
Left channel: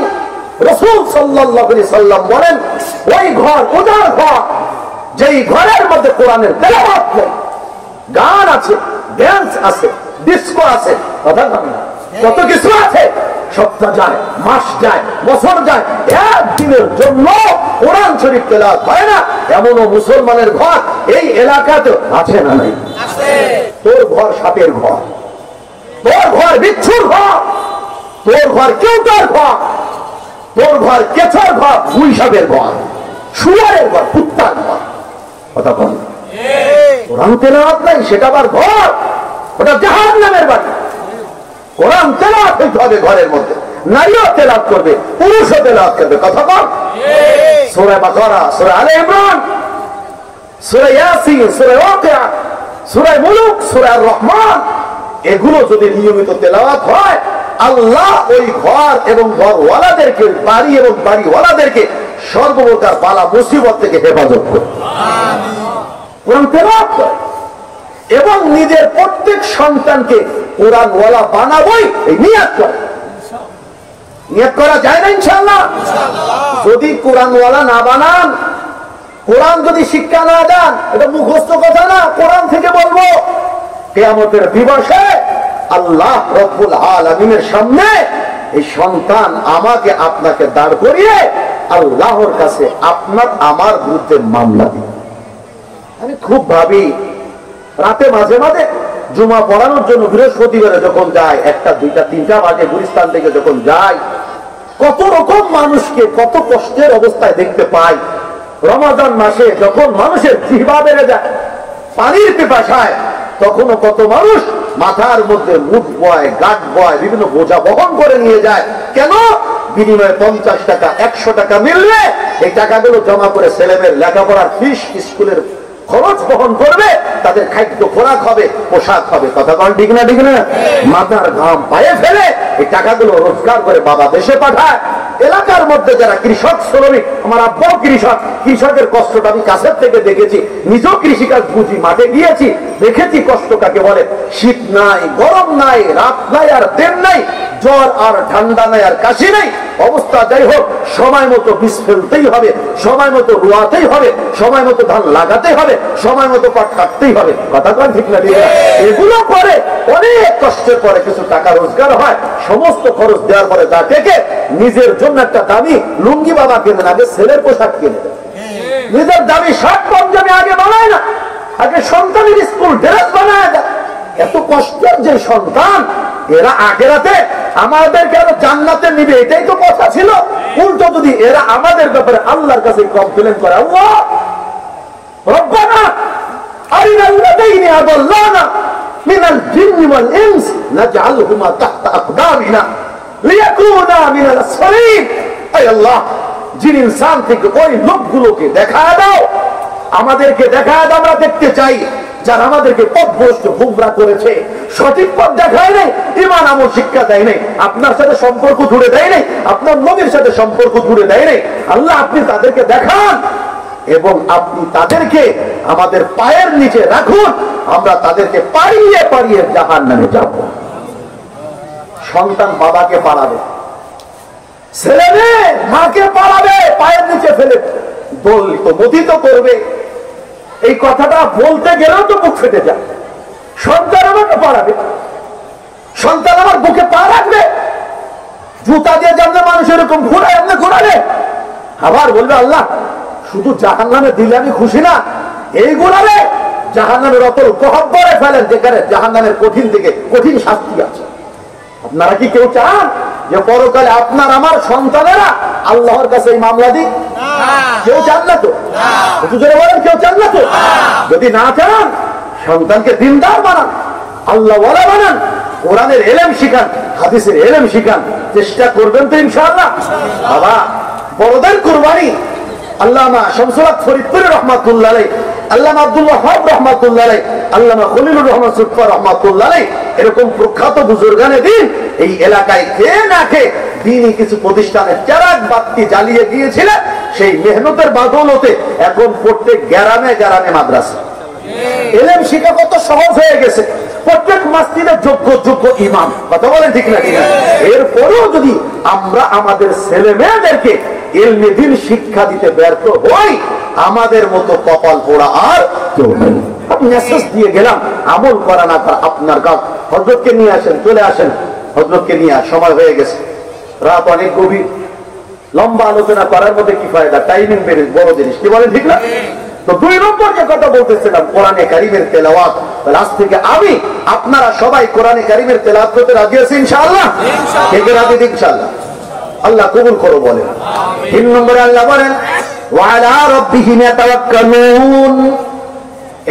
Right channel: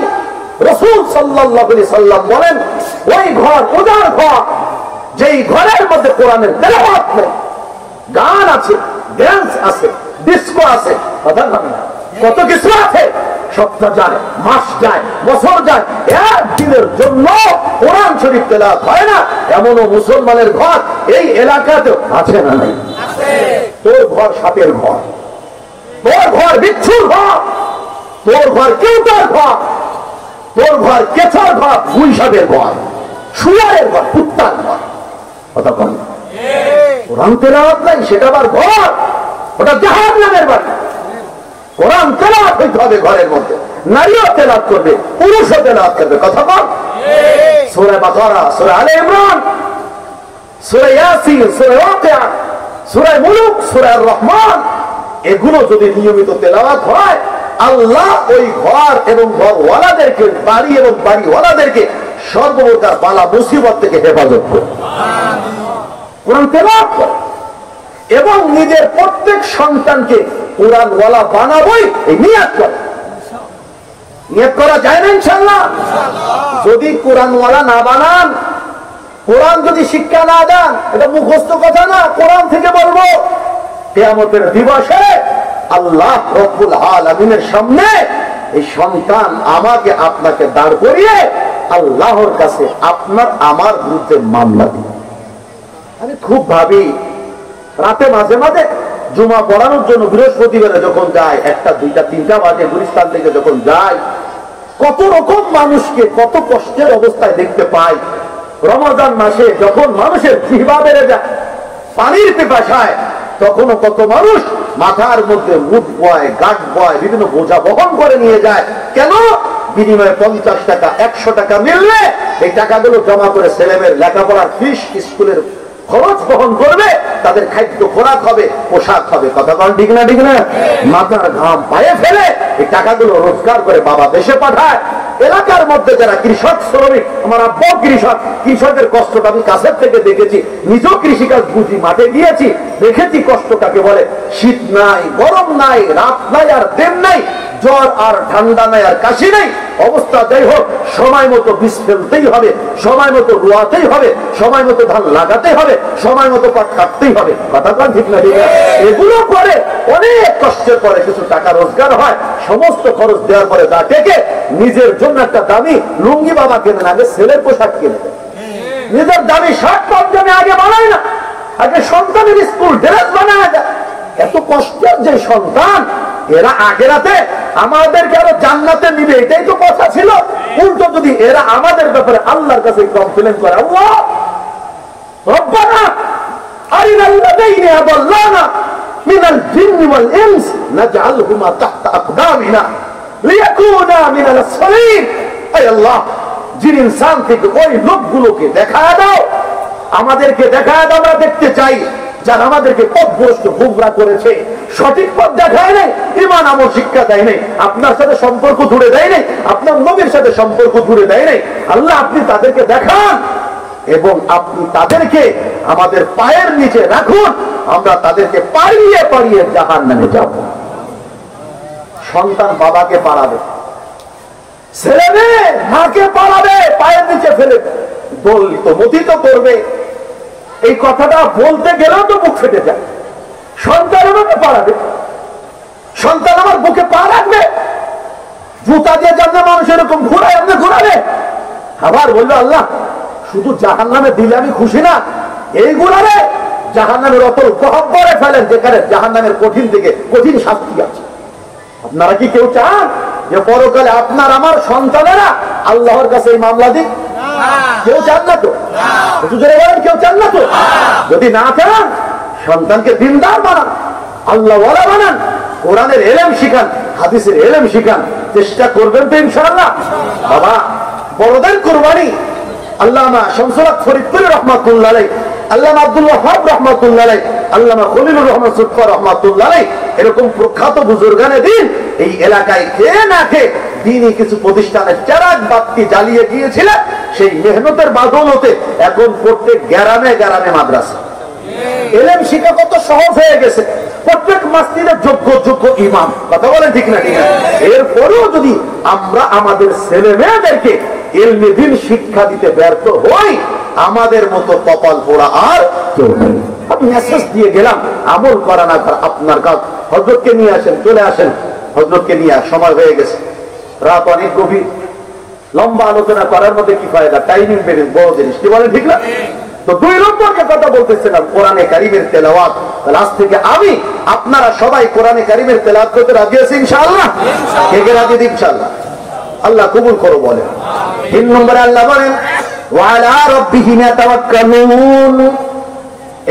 রাসূল সাল্লাল্লাহু আলাইহি সাল্লাম বলেন, ওই ঘর উজাড় ঘর যেই ঘরের মধ্যে কোরআনের তেলাওয়াত নেই, গান আছে, ড্যান্স আছে, ডিস্কো আছে, কথা না, কত কিছু আছে, সপ্তাহ যায়, মাস যায়, বছর যায়, একদিনের জন্য কোরআন শরীফ তেলাওয়াত হয় না এমনও মুসলমানের ঘর এই এলাকাতে আছে না? নাই। তোর ঘর সাপের ঘর, তোর ঘর বিচ্ছুর ঘর, তোর ঘর কেউটার ঘর, তোর ঘর কেঁচোর ঘর, গুইসাপের ঘর, শুয়ারের ঘর, কুত্তার ঘর। কথা বল। কোরআন তেলাওয়াত নাই, সেটা আবার ঘর, ওটা জাহান্নামের বাড়ি। কোরআন তেলাওয়াত হইতে হবে ঘরের মধ্যে, নারীও তেলাওয়াত করবে, পুরুষও তেলাওয়াত করবে। কথা বল। সূরা বাকারা, সূরা আলে ইমরান, সূরা ইয়াসিন, সূরা ওয়াকিয়া, সূরা মুলুক, সূরা রহমান, এগুলো যদি নিয়মিত তেলাওয়াত হয় আল্লাহ ওই ঘর এবং ঘরওয়ালাদেরকে, বাড়ি এবং বাড়িওয়ালাদেরকে সর্বপ্রকার বালা মুসিবত থেকে হেফাজত করে। কোরআন তেলাওয়াত করে এবং নিজের প্রত্যেক সন্তানকে কোরআনওয়ালা বানাবই নিয়ত করে। নিয়ত করা যায় না ইনশাআল্লাহ? যদি কোরআনওয়ালা না বানান, কোরআন যদি শিক্ষা না দেন, এটা মুখস্থ কথা না, কোরআন থেকে বলবো। কিয়ামতের দিবসে আল্লাহ রব্বুল আলামিনের সামনে এই সন্তান আমাকে আপনাকে দাঁড় করিয়ে আল্লাহর কাছে আপনার আমার বিরুদ্ধে মামলা দিবে। আমি খুব ভাবি, রাতে মাঝে মাঝে জুমা পড়ানোর জন্য বৃহস্পতিবারে যখন যায়, 1টা 2টা 3টা বাজে গুলিস্তান থেকে যখন যায়, কত রকম মানুষকে কত কষ্টের অবস্থায় দেখতে পাই। রমাদান মাসে যখন মানুষের জিহ্বা বেড়ে যায় পানির পিপাসায়, তখনও কত মানুষ মাথার মধ্যে মুঠ বয়, গাঁট বয়, বিভিন্ন বোঝা বহন করে নিয়ে যায়। কেন? বিনিময়ে 50 টাকা 100 টাকা মিললে এই টাকাগুলো জমা করে ছেলেমেয়ের লেখাপড়ার ফিস, স্কুলের খরচ বহন করবে, তাদের খাদ্য খোরাক হবে, পোশাক হবে। কথা বল ঠিক না? ঠিক না? মাথার ঘাম পায়ে ফেলে এই টাকাগুলো রোজগার করে বাবা দেশে পাঠায়। এলাকার মধ্যে যারা কৃষক শ্রমিক, আমার আব্বাও কৃষক, কৃষকের কষ্টটা আমি কাছের থেকে দেখেছি, নিজেও কৃষিকাজ বুঝি, মাঠে গিয়েছি, দেখেছি কষ্ট কাকে বলে। শীত নাই, গরম নাই, রাত নাই আর দিন নাই, জ্বর আর ঠান্ডা নাই আর কাশি নাই, অবস্থা যাই হোক সময় মতো বীজ ফেলতেই হবে, সময় মতো রোয়াতেই হবে, সময় মতো ধান লাগাতে হবে, সময় মতো পাট কাটতেই হবে। কথাটা ঠিক না? ঠিক না? এগুলো করে অনেক কষ্টের পরে কিছু টাকা রোজগার হয়, সমস্ত খরচ দেওয়ার পরে তা থেকে নিজের জন্য একটা দামি লুঙ্গি বাবা কেনে না, আগে ছেলের পোশাক কেনে দেয়। নিজের দামি শার্ট পাঞ্জাবি আগে বানায় না, আগে সন্তানের স্কুল ড্রেস বানায় দেয়। এত কষ্টের যে সন্তান, এরা আখেরাতে আমাদেরকে আরো জান্নাতে নিবে, এটাই তো কথা ছিল। উল্টো যদি এরা আমাদের ব্যাপারে আল্লাহর কাছে কমপ্লেন করে, আল্লাহ রব্বানা আরিনাল্লাযীনা আদাল্লানা মিনাল জিন্নি ওয়াল ইনস নাজআলহুমা তাহতা আকদামিনা লিয়াকুনা মিনাল আসফালিন। আয় আল্লাহ, জিন ইনসান থেকে ওই লোকগুলোকে দেখায় দাও, আমাদেরকে দেখায় দাও, আমরা দেখতে চাই যারা আমাদেরকে পথভ্রষ্ট গুমরা করেছে, সঠিক পথ দেখায় নাই, ঈমান আমল শিক্ষা দেয় নাই, আপনার সাথে সম্পর্ক জুড়ে দেয় নাই, আপনার নবীর সাথে সম্পর্ক জুড়ে দেয় নাই। আল্লাহ আপনি তাদেরকে দেখান এবং আপনি তাদেরকে আমাদের পায়ের নিচে রাখুন, আমরা তাদেরকে পাড়িয়ে পাড়িয়ে জাহান্নামে যাব। সন্তান বাবাকে পাড়াবে, ছেলে মেয়ে মাকে পাড়াবে, পায়ের নিচে ফেলে দলিত মথিত করবে। এই কথাটা বলতে গেলেও তো বুক ফেটে যায়। সন্তান আমাকে পাড়াবে, সন্তান আমার বুকে পা রাখবে, জুতা দিয়ে যেমন মানুষ এরকম ঘুরায় এমনি ঘুরাবে, আবার বলবে আল্লাহ শুধু জাহান্নামে দিলে আমি খুশি না, এই ঘুরাবে জাহান্নামের অতল গহ্বরে ফেলেন যেখানে জাহান্নামের কঠিন থেকে কঠিন শাস্তি আছে। আপনারা কি কেউ চান যে পরকালে আপনার আমার সন্তানেরা আল্লাহর কাছে এই মামলা দিক? কেউ চান না তো? একটু জোরে বলেন, কেউ চান না তো? যদি না চান, সন্তানকে দিনদার বানান, আল্লাহ ওয়ালা বানান, কোরআনের এলেম শিখান, হাদিসের এলেম শিখান, চেষ্টা করবেন তো ইনশাআল্লাহ। বাবা বড়দের কুরবানি আল্লামা শামসুল হক ফরিদপুরি রহমাতুল্লাহ আলাইহি, আল্লামা আব্দুল ওয়াহাব রহমাতুল্লাহ আলাইহি, আল্লামা খলিলুর রহমান সুটফা রহমাতুল্লাহ আলাইহি, এরকম প্রখ্যাত বুজুর্গানে দিন এই এলাকায় কে না কে দিনই কিছু প্রতিষ্ঠানের চারাক বাতি জ্বালিয়ে গিয়েছিলেন। সেই মেহনতের বাদৌলতে এখন প্রত্যেক গ্রামে গ্রামে মাদ্রাসা, এলেম শিক্ষা কত সহজ হয়ে গেছে। প্রত্যেক মসজিদে যোগ্য যোগ্য ইমাম, কথা বলেন ঠিক না? ঠিক না? এরপরেও যদি আমরা আমাদের ছেলে মেয়েদেরকে ইলমে দ্বীন শিক্ষা দিতে ব্যর্থ হই, আমাদের মতো কপাল পোড়া আর কেউ নেই। আপনি মেসেজ দিয়ে গেলাম, আমল করা না করা আপনার কাজ। হযরতকে নিয়ে আসেন, চলে আসেন, হযরতকে নিয়ে সময় হয়ে গেছে, রাত অনেক গভীর, লম্বা আলোচনা করার মধ্যে কি ফায়দা? টাইমিং বেড়ে বড় জিনিস, কি বলেন ঠিক না? তো 2 নম্বর যে কথা বলতেছিলাম কোরআনে কারীমের তেলাওয়াত। আজ থেকে আমি আপনারা সবাই কোরআনে কারীমের তেলাওয়াত করতে রাজি আছেন ইনশাআল্লাহ? থেকে রাজি ইনশাআল্লাহ? আল্লাহ কবুল করো বলেন। 3 নম্বরে আল্লাহ বলেন ওয়া আলা রাব্বিহিম ইয়াতাওয়াক্কালুন,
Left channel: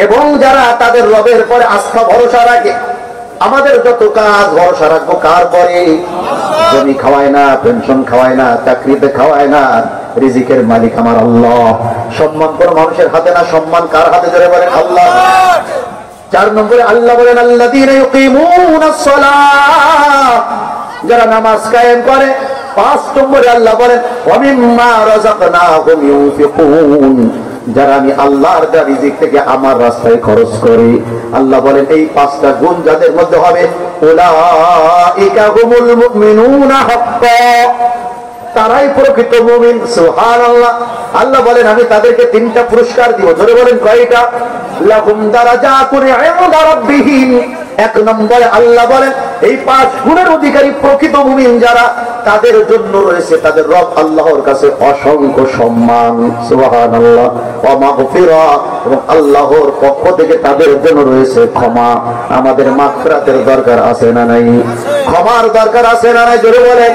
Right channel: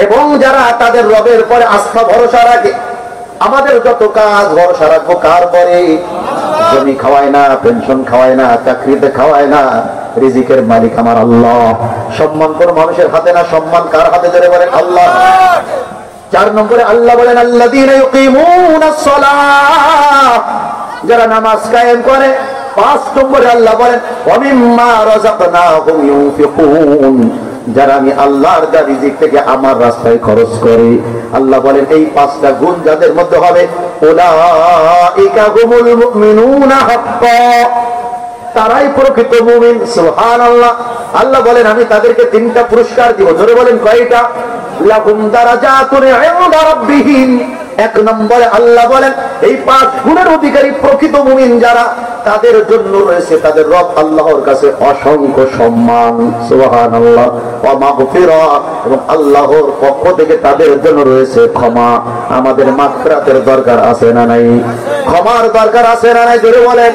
এবং যারা তাদের রবের পরে আস্থা ভরসা রাখে। আমাদের যত কাজ ভরসা রাখবো কার পরে? জমি খাওয়ায় না, পেনশন খাওয়ায় না, চাকরিতে খাওয়ায় না, রিজিকের মালিক আমার আল্লাহ। সম্মান কোন মানুষের হাতে না, সম্মান কার হাতে? ধরে বলেন আল্লাহ। 4 নম্বরে আল্লাহ বলেন আল্লাযীনা ইউকিমুনাস সালাহ, যারা নামাজ কায়েম করে। 5 নম্বরে আল্লাহ বলেন ওয়া মিম্মা রাযাকনাহুম ইউনফিকুন, যারা আমি আল্লাহর দেওয়া রিজিক থেকে আমার রাস্তায় খরচ করি। আল্লাহ বলেন এই 5টা গুণ যাদের মধ্যে হবে, উলাইকা হুমুল মুমিনুনা হাক্কা, তারাই প্রকৃত মুমিন। সুবহানাল্লাহ। আল্লাহ বলেন আমি তাদেরকে 3টা পুরস্কার দিব। জোরে বলেন কয়টা? লাহুম দারাজাতুন ইনদা রাব্বিহিম। 1 নম্বরে আল্লাহ বলেন এই 5 গুণের অধিকারী প্রকৃত মুমিন যারা, তাদের জন্য রয়েছে তাদের রব আল্লাহর কাছে অসংখ্য সম্মান। সুবহানাল্লাহ। ওয়া মাগফিরা, এবং আল্লাহর পক্ষ থেকে তাদের জন্য রয়েছে ক্ষমা। আমাদের মাগফিরাতের দরকার আছে না নাই? ক্ষমার দরকার আছে না নাই? জোরে বলেন।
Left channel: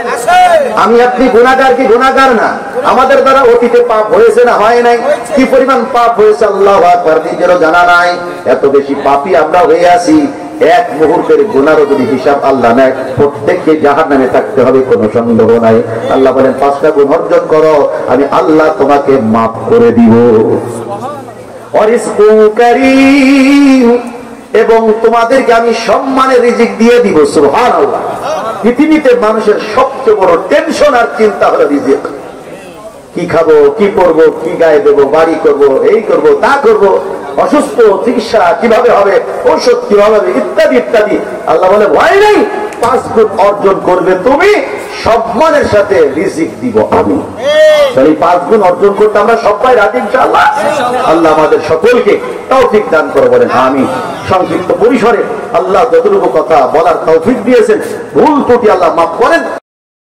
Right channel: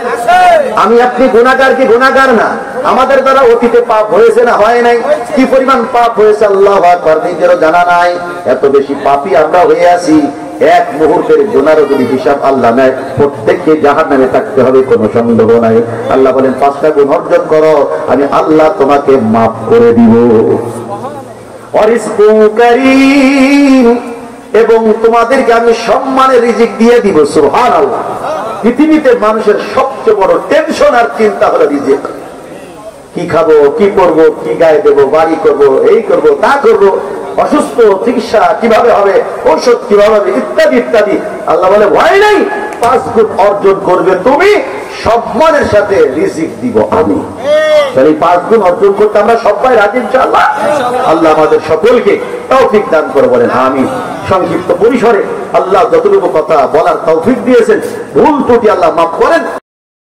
আমি আপনি গুনাহগার কি গুনাহগার না? আমাদের দ্বারা অতীতে পাপ হয়েছে না হয় নাই? কি পরিমাণ পাপ হয়েছে আল্লাহু আকবার, নিজেরও জানা নাই। এত বেশি পাপী আমরা হয়ে আছি, এক মুহূর্তের গুনাহর যদি হিসাব আল্লাহ নেয়, প্রত্যেককে জাহান্নামে থাকতে হবে, কোনো সন্দেহ নাই। আল্লাহ বলেন 5টা গুণ অর্জন করো, আমি আল্লাহ তোমাকে মাফ করে দিব। ওয়ারিজকু কারীম, এবং তোমাদেরকে আমি সম্মানের রিজিক দিয়ে দিব। সুবহানাল্লাহ। পৃথিবীতে মানুষের সবচেয়ে বড় টেনশন আর চিন্তা হলো রিজিক। কি খাবো, কি করবো, কি গায়ে দেবো, বাড়ি করবো, এই করবো, তা করবো, অসুস্থ চিকিৎসা কিভাবে হবে, ঔষধ কিভাবে হবে, ইত্যাদি ইত্যাদি। আল্লাহ বলে ভয় নেই, 5 গুণ অর্জন করবে তুমি, সম্মানের সাথে রিজিক দিব আমি। তাহলে 5 গুণ অর্জন করতে আমরা সবাই রাজি ইনশাআল্লাহ? আল্লাহ আমাদের সকলকে তৌফিক দান করে বলেন আমিন। সংক্ষিপ্ত পরিসরে আল্লাহ যতটুকু কথা বলার তৌফিক দিয়েছেন, ভুল ত্রুটি আল্লাহ মাফ করেন।